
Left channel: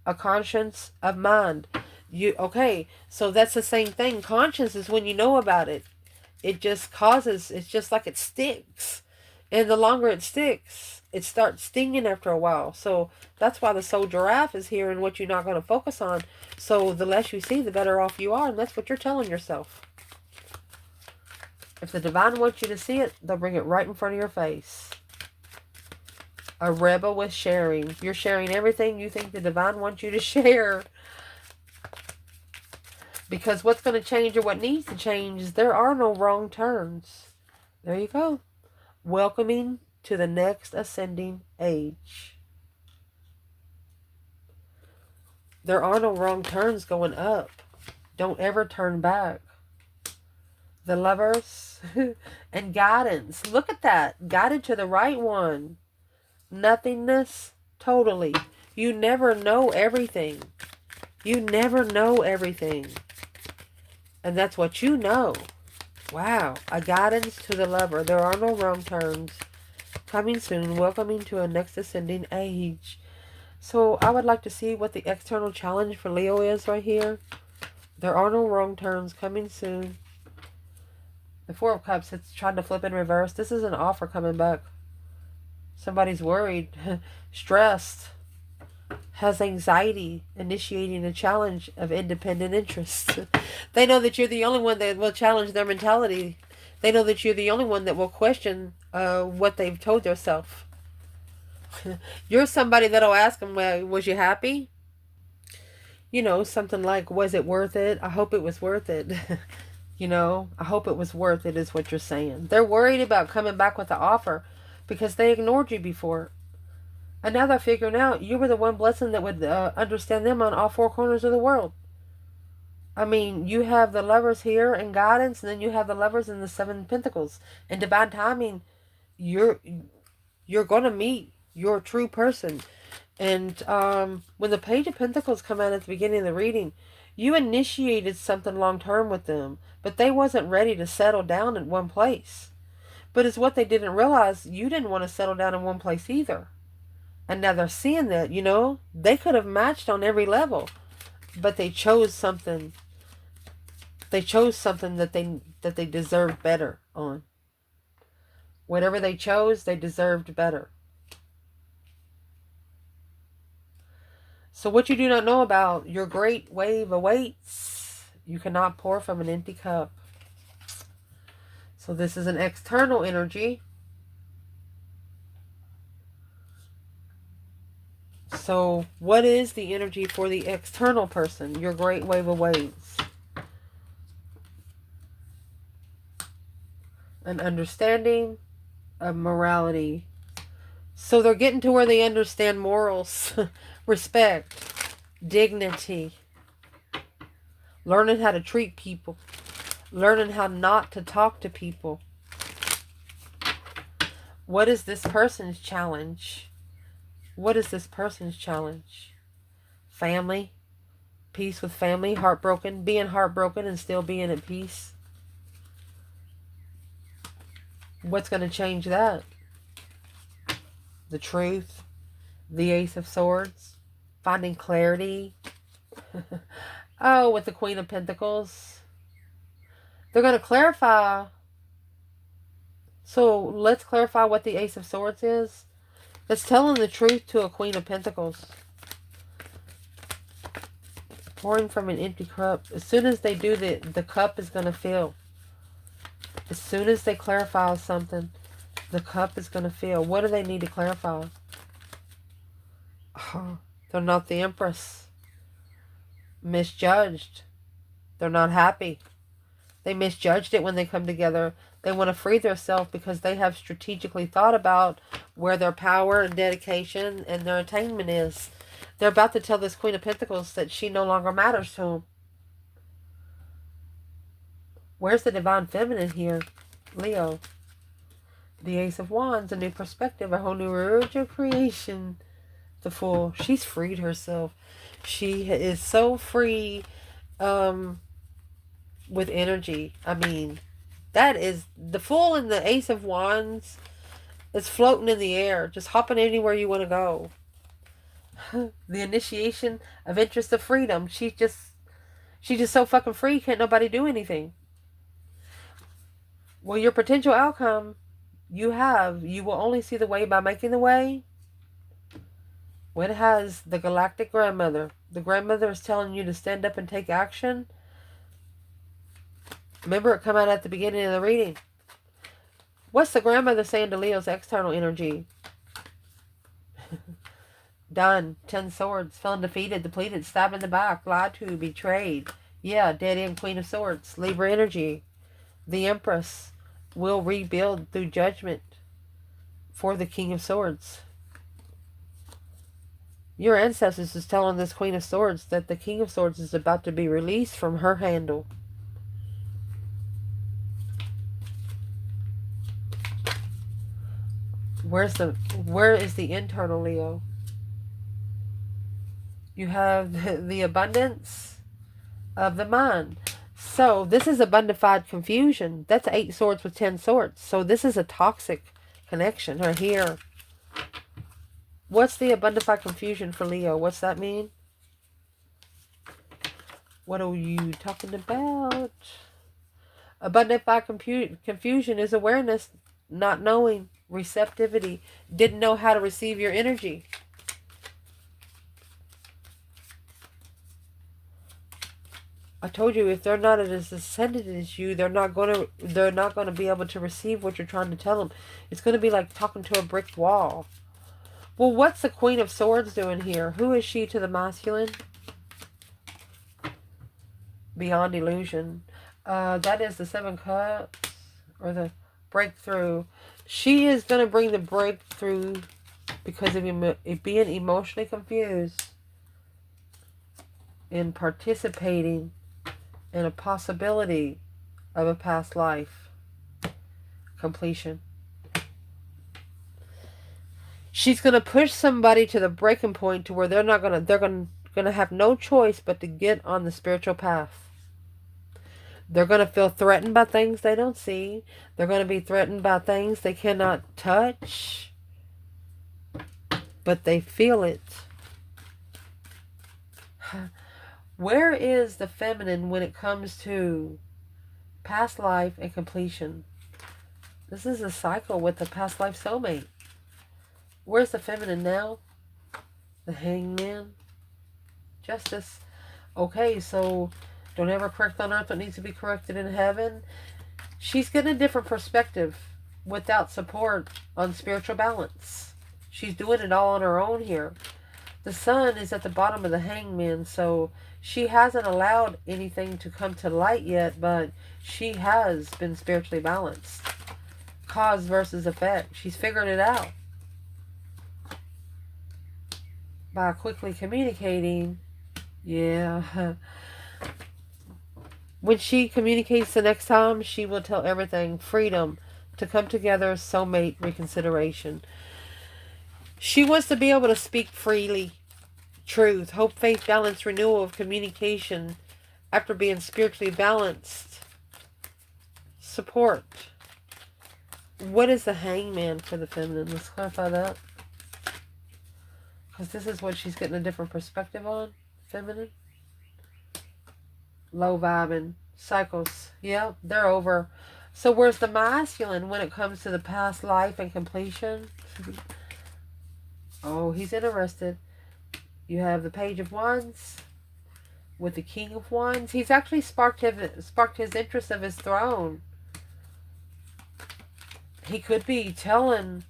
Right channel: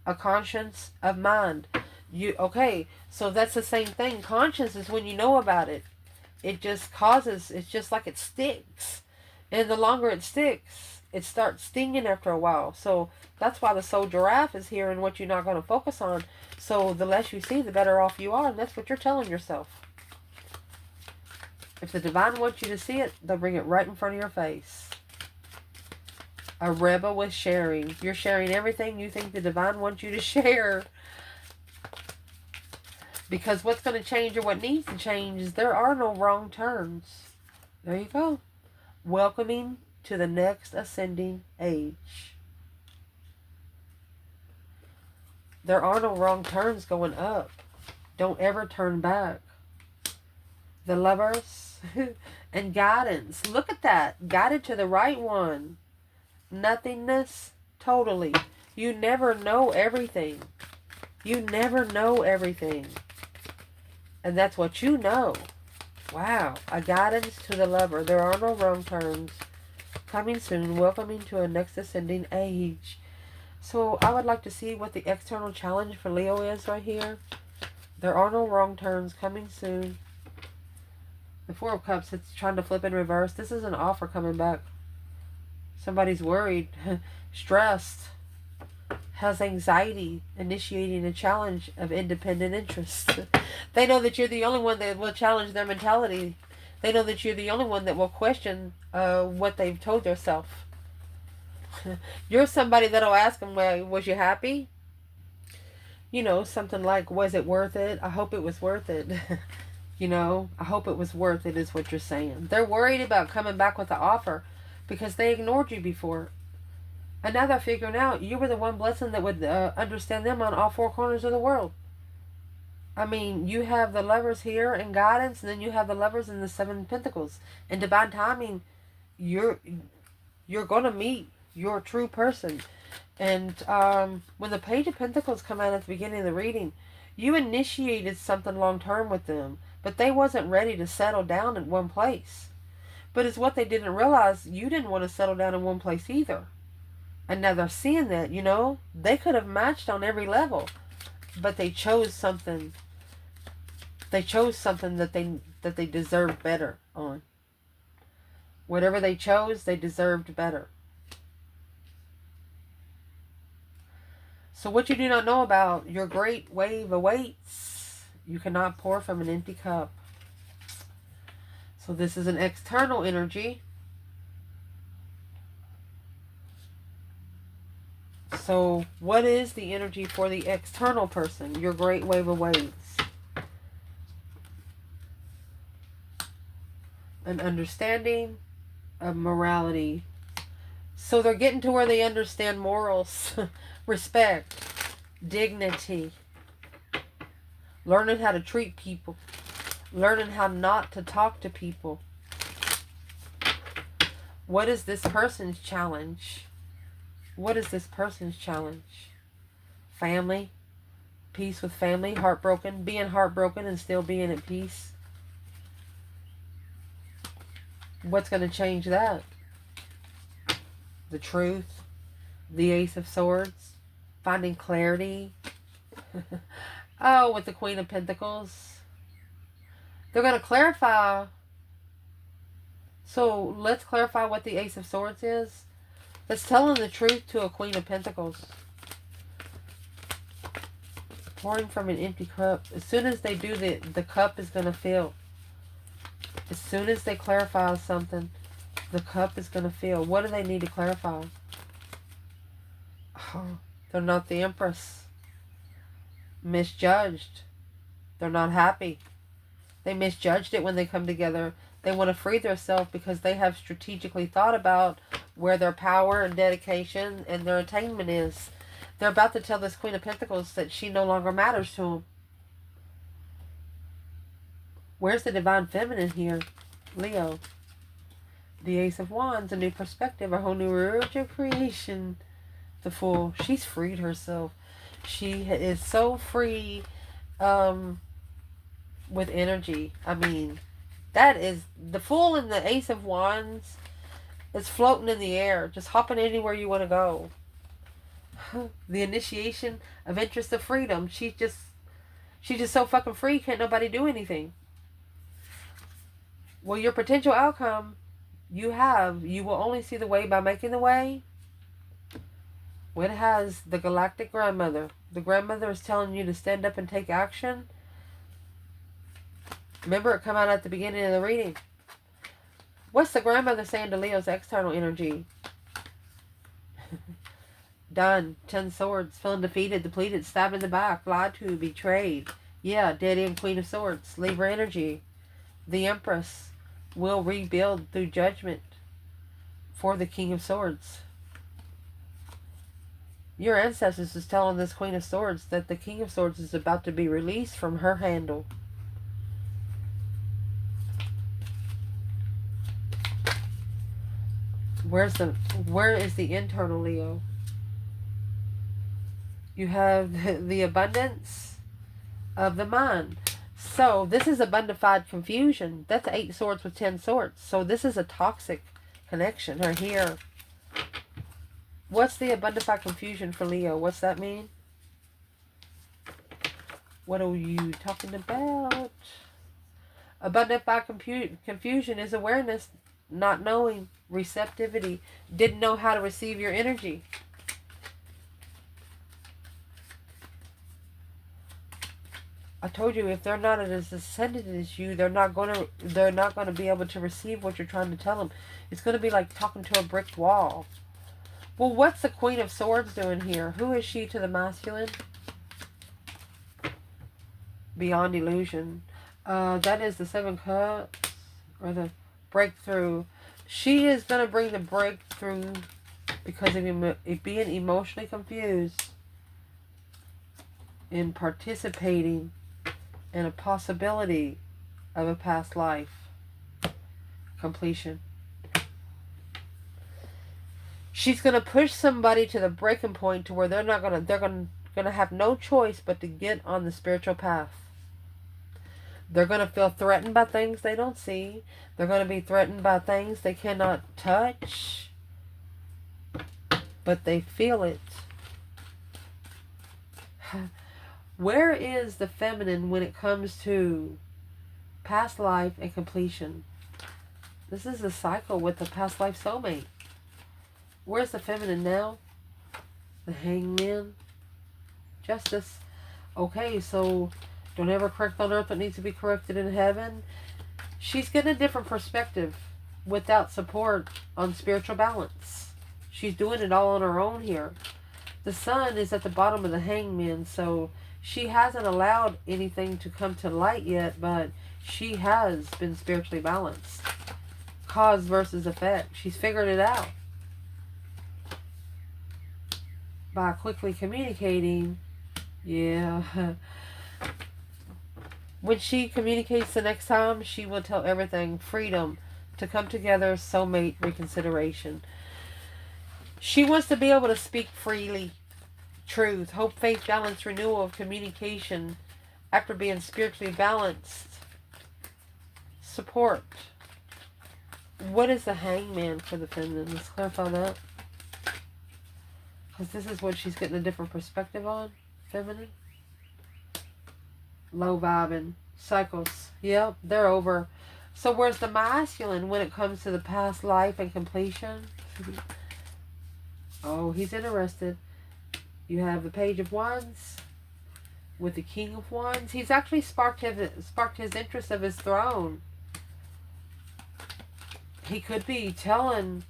A conscience of mind. Okay, so that's the same thing. Conscience is when you know about it. It just causes, it's just like it sticks. And the longer it sticks, it starts stinging after a while. So that's why the soul giraffe is here and what you're not going to focus on. So the less you see, the better off you are. And that's what you're telling yourself. If the divine wants you to see it, they'll bring it right in front of your face. A rebel with sharing. You're sharing everything you think the divine wants you to share. Because what's going to change or what needs to change is there are no wrong turns. There you go. Welcoming to the next ascending age. There are no wrong turns going up. Don't ever turn back. The Lovers and guidance. Look at that. Guided to the right one. Nothingness. Totally. You never know everything. You never know everything. And that's what you know. Wow. A guidance to the Lover. There are no wrong turns. Coming soon. Welcoming to a next ascending age. So I would like to see what the external challenge for Leo is right here. There are no wrong turns. Coming soon. The Four of Cups. It's trying to flip in reverse. This is an offer coming back. Somebody's worried. Stressed. Has anxiety, initiating a challenge of independent interest. They know that you're the only one that will challenge their mentality. They know that you're the only one that will question what they've told themselves. You're somebody that'll ask them, well, was you happy? You know, something like, was it worth it? I hope it was worth it. You know, I hope it was worth it is what you're saying. They're worried about coming back with the offer because they ignored you before. And now they're figuring out you were the one blessing that would understand them on all four corners of the world. I mean, you have the Lovers here in guidance, and then you have the Lovers in the Seven of Pentacles. In divine timing, you're going to meet your true person. And when the Page of Pentacles come out at the beginning of the reading, you initiated something long-term with them, but they wasn't ready to settle down in one place. But it's what they didn't realize, you didn't want to settle down in one place either. And now they're seeing that, you know, they could have matched on every level, but they chose something. They chose something that they deserved better on. Whatever they chose, they deserved better. So what you do not know about, your great wave awaits. You cannot pour from an empty cup. So this is an external energy. So what is the energy for the external person? Your great wave awaits. An understanding of morality. So they're getting to where they understand morals, respect, dignity, learning how to treat people, learning how not to talk to people. What is this person's challenge? What is this person's challenge? Family, peace with family, heartbroken, being heartbroken and still being at peace. What's going to change that? The truth, the Ace of Swords, finding clarity. Oh, with the Queen of Pentacles. They're going to clarify. So let's clarify what the Ace of Swords is. It's telling the truth to a Queen of Pentacles. Pouring from an empty cup. As soon as they do that, the cup is going to fill. As soon as they clarify something, the cup is going to fill. What do they need to clarify? They're not the Empress. Misjudged. They're not happy. They misjudged it when they come together. They want to free themselves because they have strategically thought about where their power and dedication and their attainment is. They're about to tell this Queen of Pentacles that she no longer matters to them. Where's the Divine Feminine here? Leo. The Ace of Wands, a new perspective, a whole new urge of creation. The Fool. She's freed herself. She is so free with energy. I mean, that is the Fool and the Ace of Wands is floating in the air, just hopping anywhere you want to go. The initiation of interest of freedom. She's just so fucking free, can't nobody do anything. Well, your potential outcome, you will only see the way by making the way. When it has the galactic grandmother. The grandmother is telling you to stand up and take action. Remember, it come out at the beginning of the reading. What's the grandmother saying to Leo's external energy? Done. 10 swords. Feeling defeated, depleted, stabbed in the back, lied to, betrayed. Yeah, dead end, Queen of Swords. Libra energy. The Empress will rebuild through judgment. for the King of Swords. Your ancestors is telling this Queen of Swords that the King of Swords is about to be released from her handle. Where is the internal Leo? You have the abundance of the mind. So this is abundified confusion. That's 8 swords with 10 swords. So this is a toxic connection right here. What's the abundified confusion for Leo? What's that mean? What are you talking about? Abundified confusion is awareness, not knowing, receptivity. Didn't know how to receive your energy. I told you, if they're not as ascended as you, they're not going to be able to receive what you're trying to tell them. It's going to be like talking to a brick wall. Well, what's the Queen of Swords doing here? Who is she to the masculine? Beyond illusion. That is the 7 Cups, or the breakthrough. She is going to bring the breakthrough because of being emotionally confused in participating in a possibility of a past life completion. She's going to push somebody to the breaking point to where they're going to have no choice but to get on the spiritual path. They're going to feel threatened by things they don't see. They're going to be threatened by things they cannot touch, but they feel it. Where is the feminine when it comes to past life and completion? This is a cycle with the past life soulmate. Where's the feminine now? The Hangman. Justice. Okay, so don't ever correct on earth what needs to be corrected in heaven. She's getting a different perspective without support on spiritual balance. She's doing it all on her own here. The sun is at the bottom of the Hangman, so she hasn't allowed anything to come to light yet, but she has been spiritually balanced. Cause versus effect. She's figured it out. By quickly communicating, yeah. When she communicates the next time, she will tell everything. Freedom to come together, soulmate reconsideration. She wants to be able to speak freely. Truth, hope, faith, balance, renewal of communication after being spiritually balanced. Support. What is the Hangman for the feminine? Let's clarify that. Because this is what she's getting a different perspective on. Feminine. Low vibing. Cycles. Yep, they're over. So where's the masculine when it comes to the past life and completion? Oh, he's interested. You have the Page of Wands with the King of Wands. He's actually sparked his interest of his throne. He could be telling...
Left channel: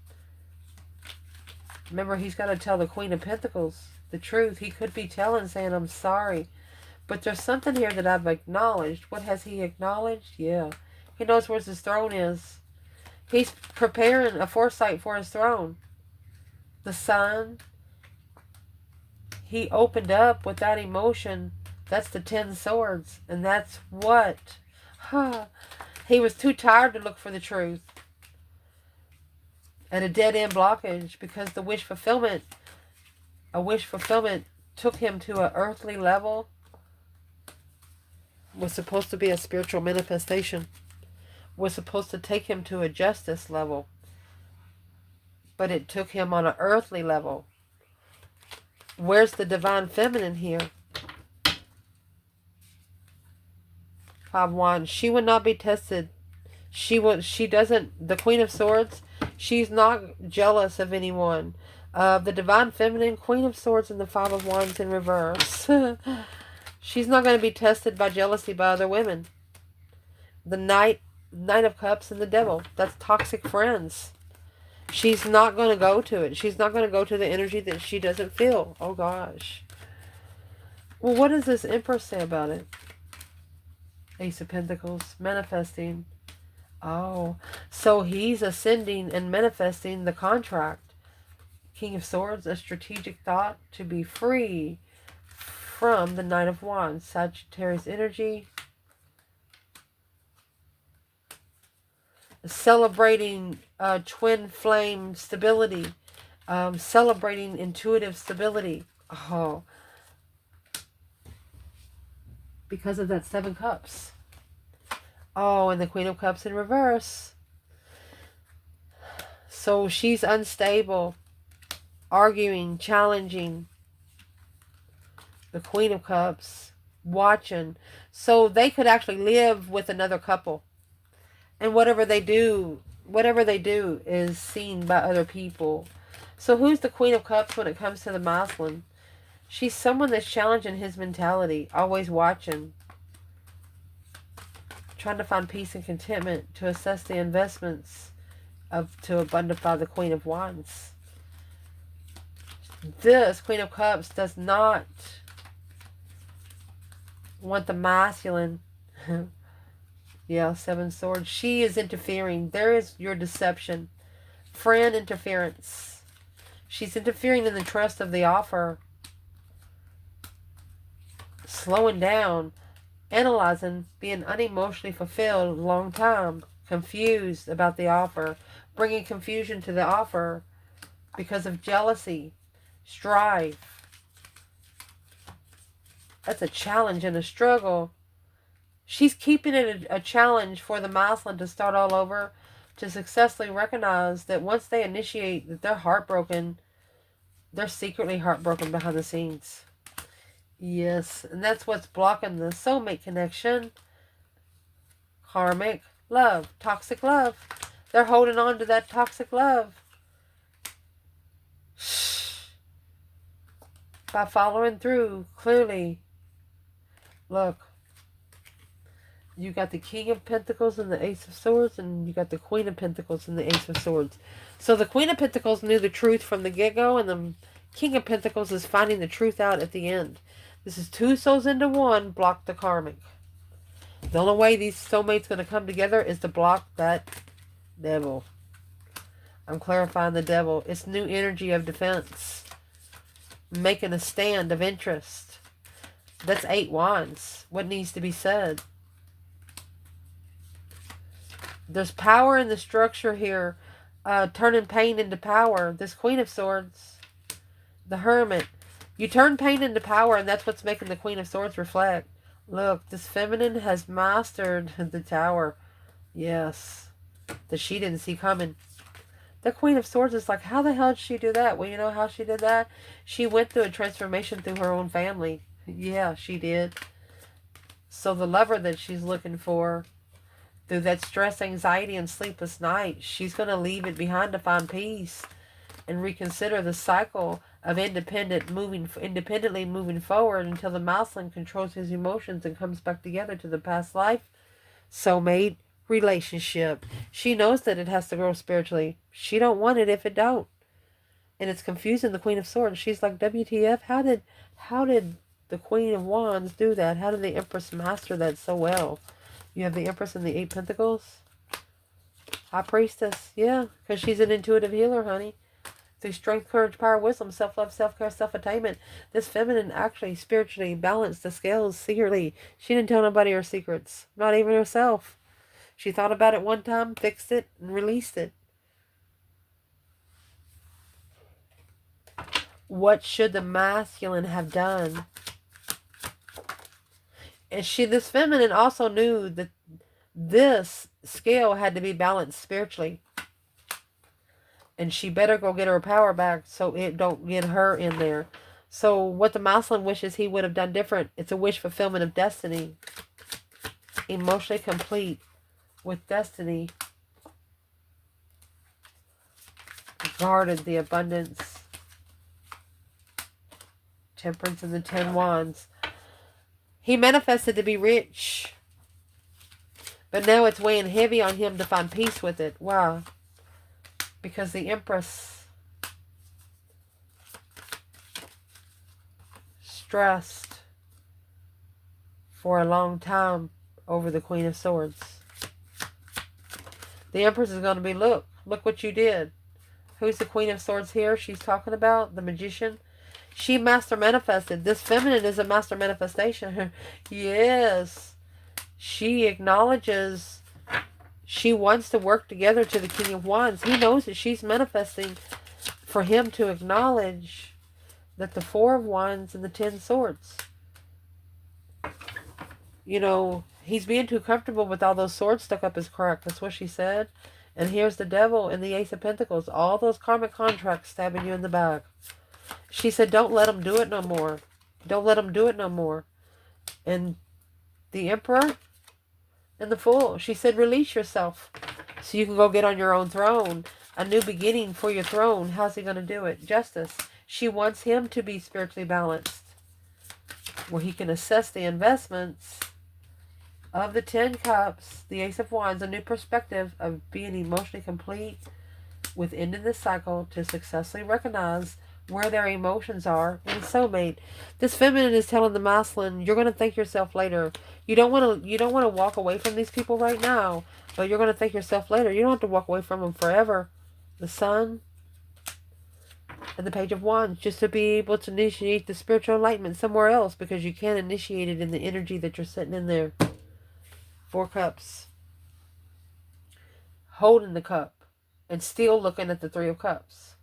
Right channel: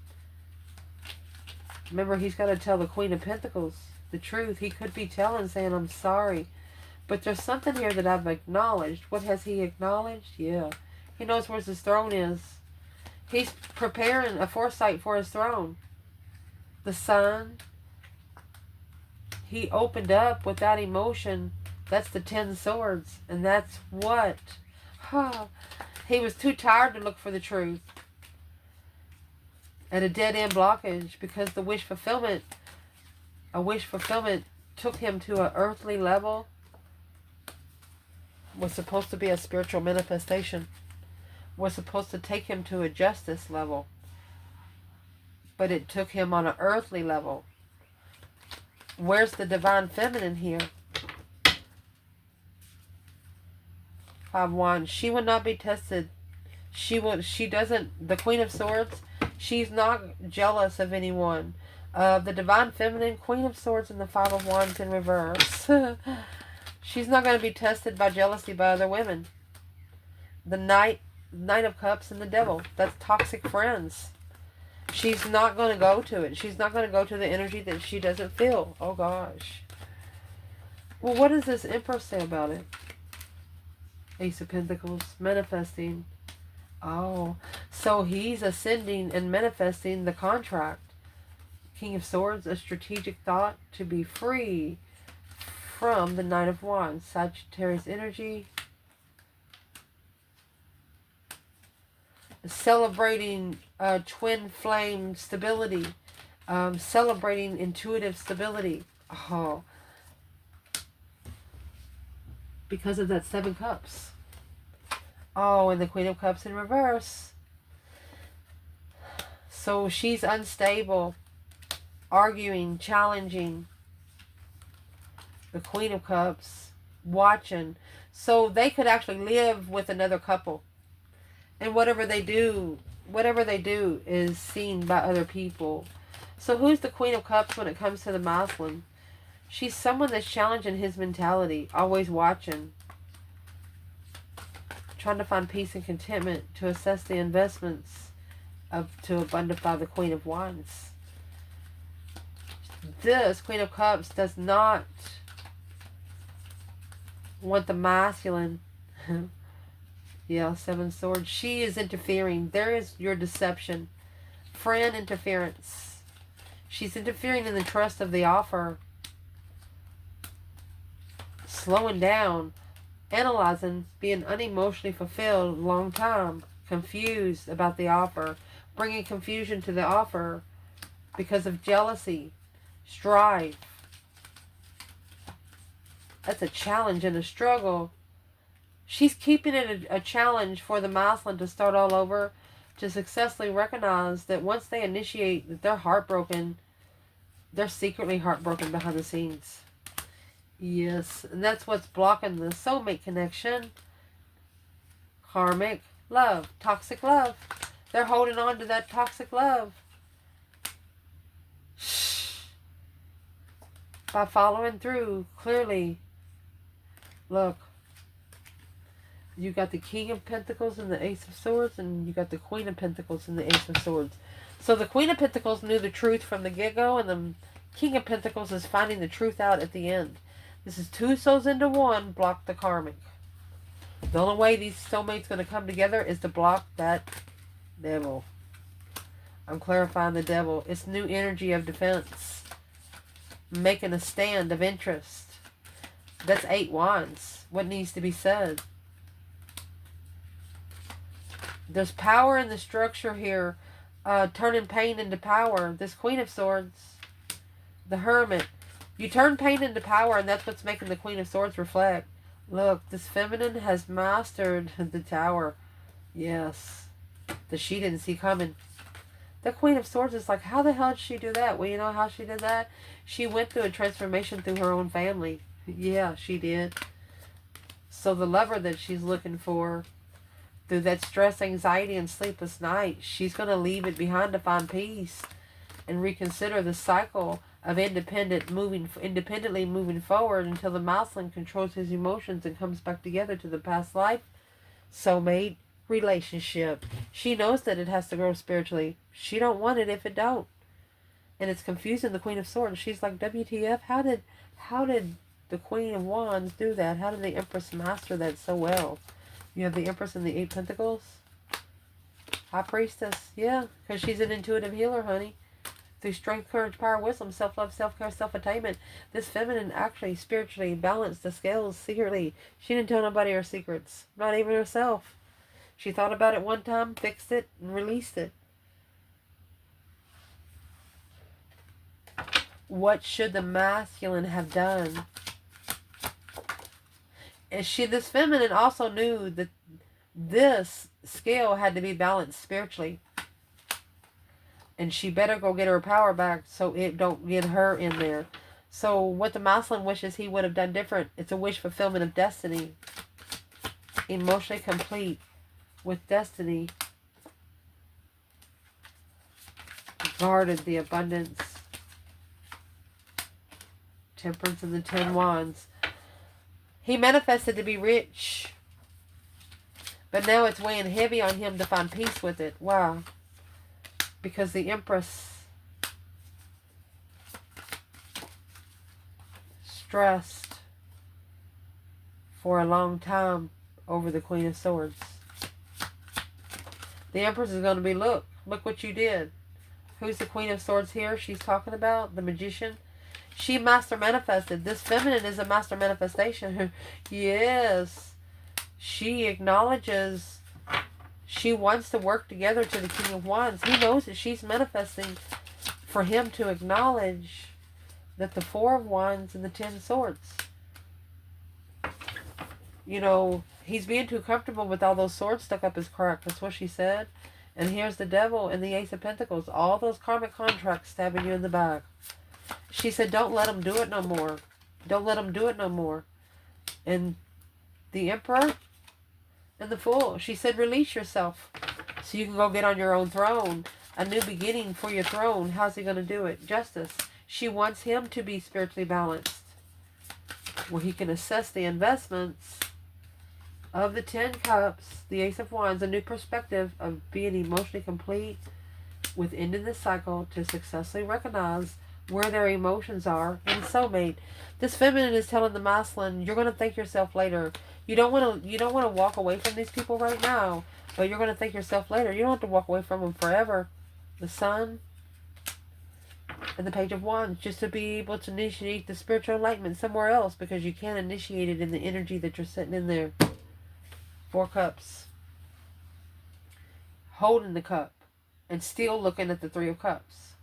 Remember, he's got to tell the Queen of Pentacles the truth. He could be telling, saying, I'm sorry. But there's something here that I've acknowledged. What has he acknowledged? Yeah. He knows where his throne is. He's preparing a foresight for his throne. The Sun. He opened up with that emotion. That's the 10 swords. And that's what? He was too tired to look for the truth. And a dead-end blockage because the wish fulfillment, took him to an earthly level. Was supposed to be a spiritual manifestation. Was supposed to take him to a justice level. But it took him on an earthly level. Where's the divine feminine here? 5 Wands. She would not be tested. The Queen of Swords, she's not jealous of anyone. The divine feminine, Queen of Swords, and the 5 of Wands in reverse. She's not going to be tested by jealousy by other women. The Knight of Cups and the Devil. That's toxic friends. She's not going to go to it. She's not going to go to the energy that she doesn't feel. Oh, gosh. Well, what does this Empress say about it? Ace of Pentacles. Manifesting. Oh, so he's ascending and manifesting the contract. King of Swords, a strategic thought to be free from the Knight of Wands. Sagittarius energy. Celebrating twin flame stability. Celebrating intuitive stability. Oh, because of that Seven Cups. Oh, and the Queen of Cups in reverse. So she's unstable, arguing, challenging. The Queen of Cups, watching. So they could actually live with another couple. And whatever they do is seen by other people. So who's the Queen of Cups when it comes to the masculine? She's someone that's challenging his mentality, always watching, trying to find peace and contentment, to assess the investments to abundify the Queen of Wands. This Queen of Cups does not want the masculine. Yeah, Seven Swords. She is interfering. There is your deception. Friend interference. She's interfering in the trust of the offer. Slowing down. Analyzing. Being unemotionally fulfilled a long time. Confused about the offer. Bringing confusion to the offer because of jealousy. Strife. That's a challenge and a struggle. She's keeping it a challenge for the masculine to start all over, to successfully recognize that once they initiate that they're heartbroken, they're secretly heartbroken behind the scenes. Yes, and that's what's blocking the soulmate connection. Karmic love, toxic love. They're holding on to that toxic love. By following through clearly. Look. You got the King of Pentacles and the Ace of Swords, and you got the Queen of Pentacles and the Ace of Swords. So the Queen of Pentacles knew the truth from the get-go, and the King of Pentacles is finding the truth out at the end. This is two souls into one, block the karmic. The only way these soulmates going to come together is to block that devil. I'm clarifying the devil. It's new energy of defense. Making a stand of interest. That's 8 wands. What needs to be said? There's power in the structure here. Turning pain into power. This Queen of Swords. The Hermit. You turn pain into power, and that's what's making the Queen of Swords reflect. Look, this feminine has mastered the Tower. Yes. That she didn't see coming. The Queen of Swords is like, how the hell did she do that? Well, you know how she did that? She went through a transformation through her own family. Yeah, she did. So the lover that she's looking for, through that stress, anxiety, and sleepless night, she's going to leave it behind to find peace and reconsider the cycle of independently moving forward until the masculine controls his emotions and comes back together to the past life soulmate relationship. She knows that it has to grow spiritually. She don't want it if it don't. And it's confusing the Queen of Swords. She's like, WTF? How did the Queen of Wands do that? How did the Empress master that so well? You have the Empress and the 8 Pentacles. High Priestess. Yeah, because she's an intuitive healer, honey. Through strength, courage, power, wisdom, self-love, self-care, self-attainment. This feminine actually spiritually balanced the scales secretly. She didn't tell nobody her secrets. Not even herself. She thought about it one time, fixed it, and released it. What should the masculine have done? And this feminine also knew that this scale had to be balanced spiritually. And she better go get her power back so it don't get her in there. So what the masculine wishes he would have done different. It's a wish fulfillment of destiny. Emotionally complete with destiny. Guarded the abundance. Temperance and the 10 wands. He manifested to be rich. But now it's weighing heavy on him to find peace with it. Why? Because the Empress stressed for a long time over the Queen of Swords. The Empress is going to be, look what you did. Who's the Queen of Swords here? She's talking about the Magician. She master manifested. This feminine is a master manifestation. Yes. She acknowledges she wants to work together to the King of Wands. He knows that she's manifesting for him to acknowledge that the Four of Wands and the Ten Swords. You know, he's being too comfortable with all those swords stuck up his crack. That's what she said. And here's the Devil and the Ace of Pentacles. All those karmic contracts stabbing you in the back. She said, don't let him do it no more. Don't let him do it no more. And the Emperor and the Fool. She said, release yourself so you can go get on your own throne. A new beginning for your throne. How's he going to do it? Justice. She wants him to be spiritually balanced, where he can assess the investments of the 10 Cups, the Ace of Wands, a new perspective of being emotionally complete with ending the cycle to successfully recognize where their emotions are in soulmate. This feminine is telling the masculine, you're going to thank yourself later. You don't want to walk away from these people right now, but you're going to thank yourself later. You don't have to walk away from them forever. The Sun and the Page of Wands, just to be able to initiate the spiritual enlightenment somewhere else, because you can't initiate it in the energy that you're sitting in there. 4 Cups. Holding the cup and still looking at the 3 of Cups.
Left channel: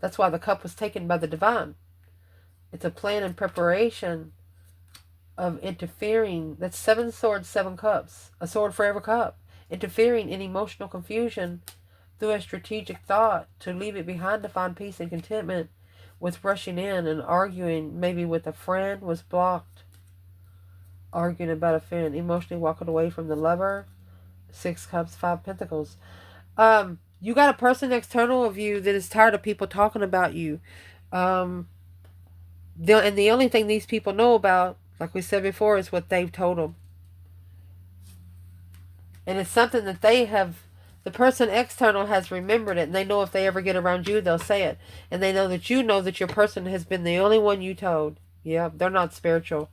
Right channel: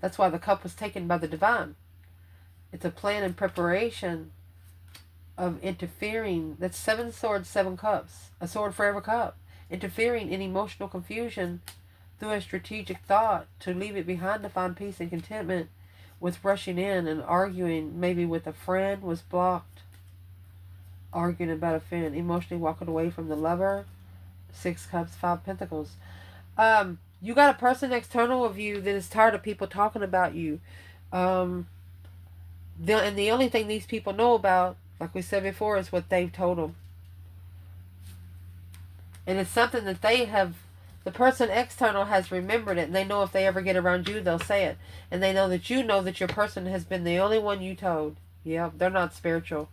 That's why the cup was taken by the divine. It's a plan and preparation of interfering. That's 7 swords, 7 cups. A sword for every cup. Interfering in emotional confusion through a strategic thought to leave it behind to find peace and contentment, with rushing in and arguing maybe with a friend was blocked. Arguing about a friend. Emotionally walking away from the lover. 6 Cups, 5 Pentacles. You got a person external of you that is tired of people talking about you. And the only thing these people know about, like we said before, is what they've told them. And it's something that they have, the person external has remembered it, and they know if they ever get around you, they'll say it. And they know that your person has been the only one you told. Yeah, they're not spiritual.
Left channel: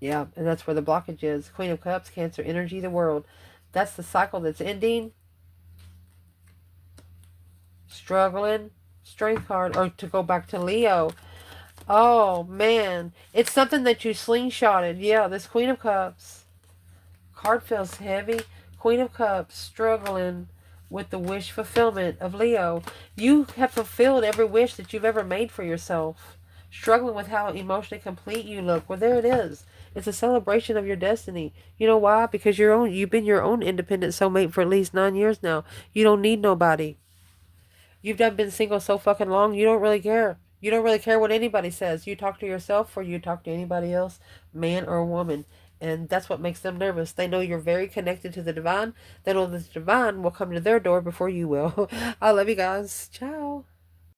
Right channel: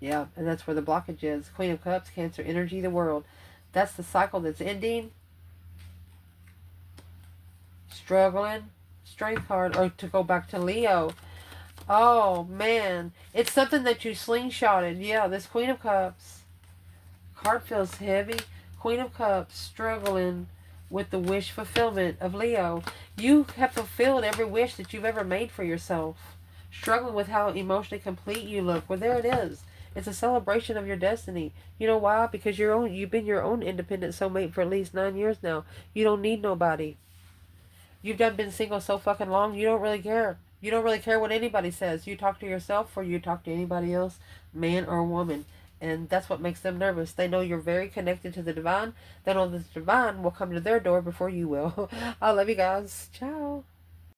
Yeah, and that's where the blockage is. Queen of Cups, Cancer energy, the world. That's the cycle that's ending. Struggling. Strength card. Or to go back to Leo. Oh, man. It's something that you slingshotted. Yeah, this Queen of Cups. Card feels heavy. Queen of Cups, struggling with the wish fulfillment of Leo. You have fulfilled every wish that you've ever made for yourself. Struggling with how emotionally complete you look. Well, there it is. It's a celebration of your destiny. You know why? Because you've been your own independent soulmate for at least 9 years now. You don't need nobody. You've been single so fucking long, you don't really care. You don't really care what anybody says. You talk to yourself or you talk to anybody else, man or woman. And that's what makes them nervous. They know you're very connected to the divine. They know the divine will come to their door before you will. I love you guys. Ciao.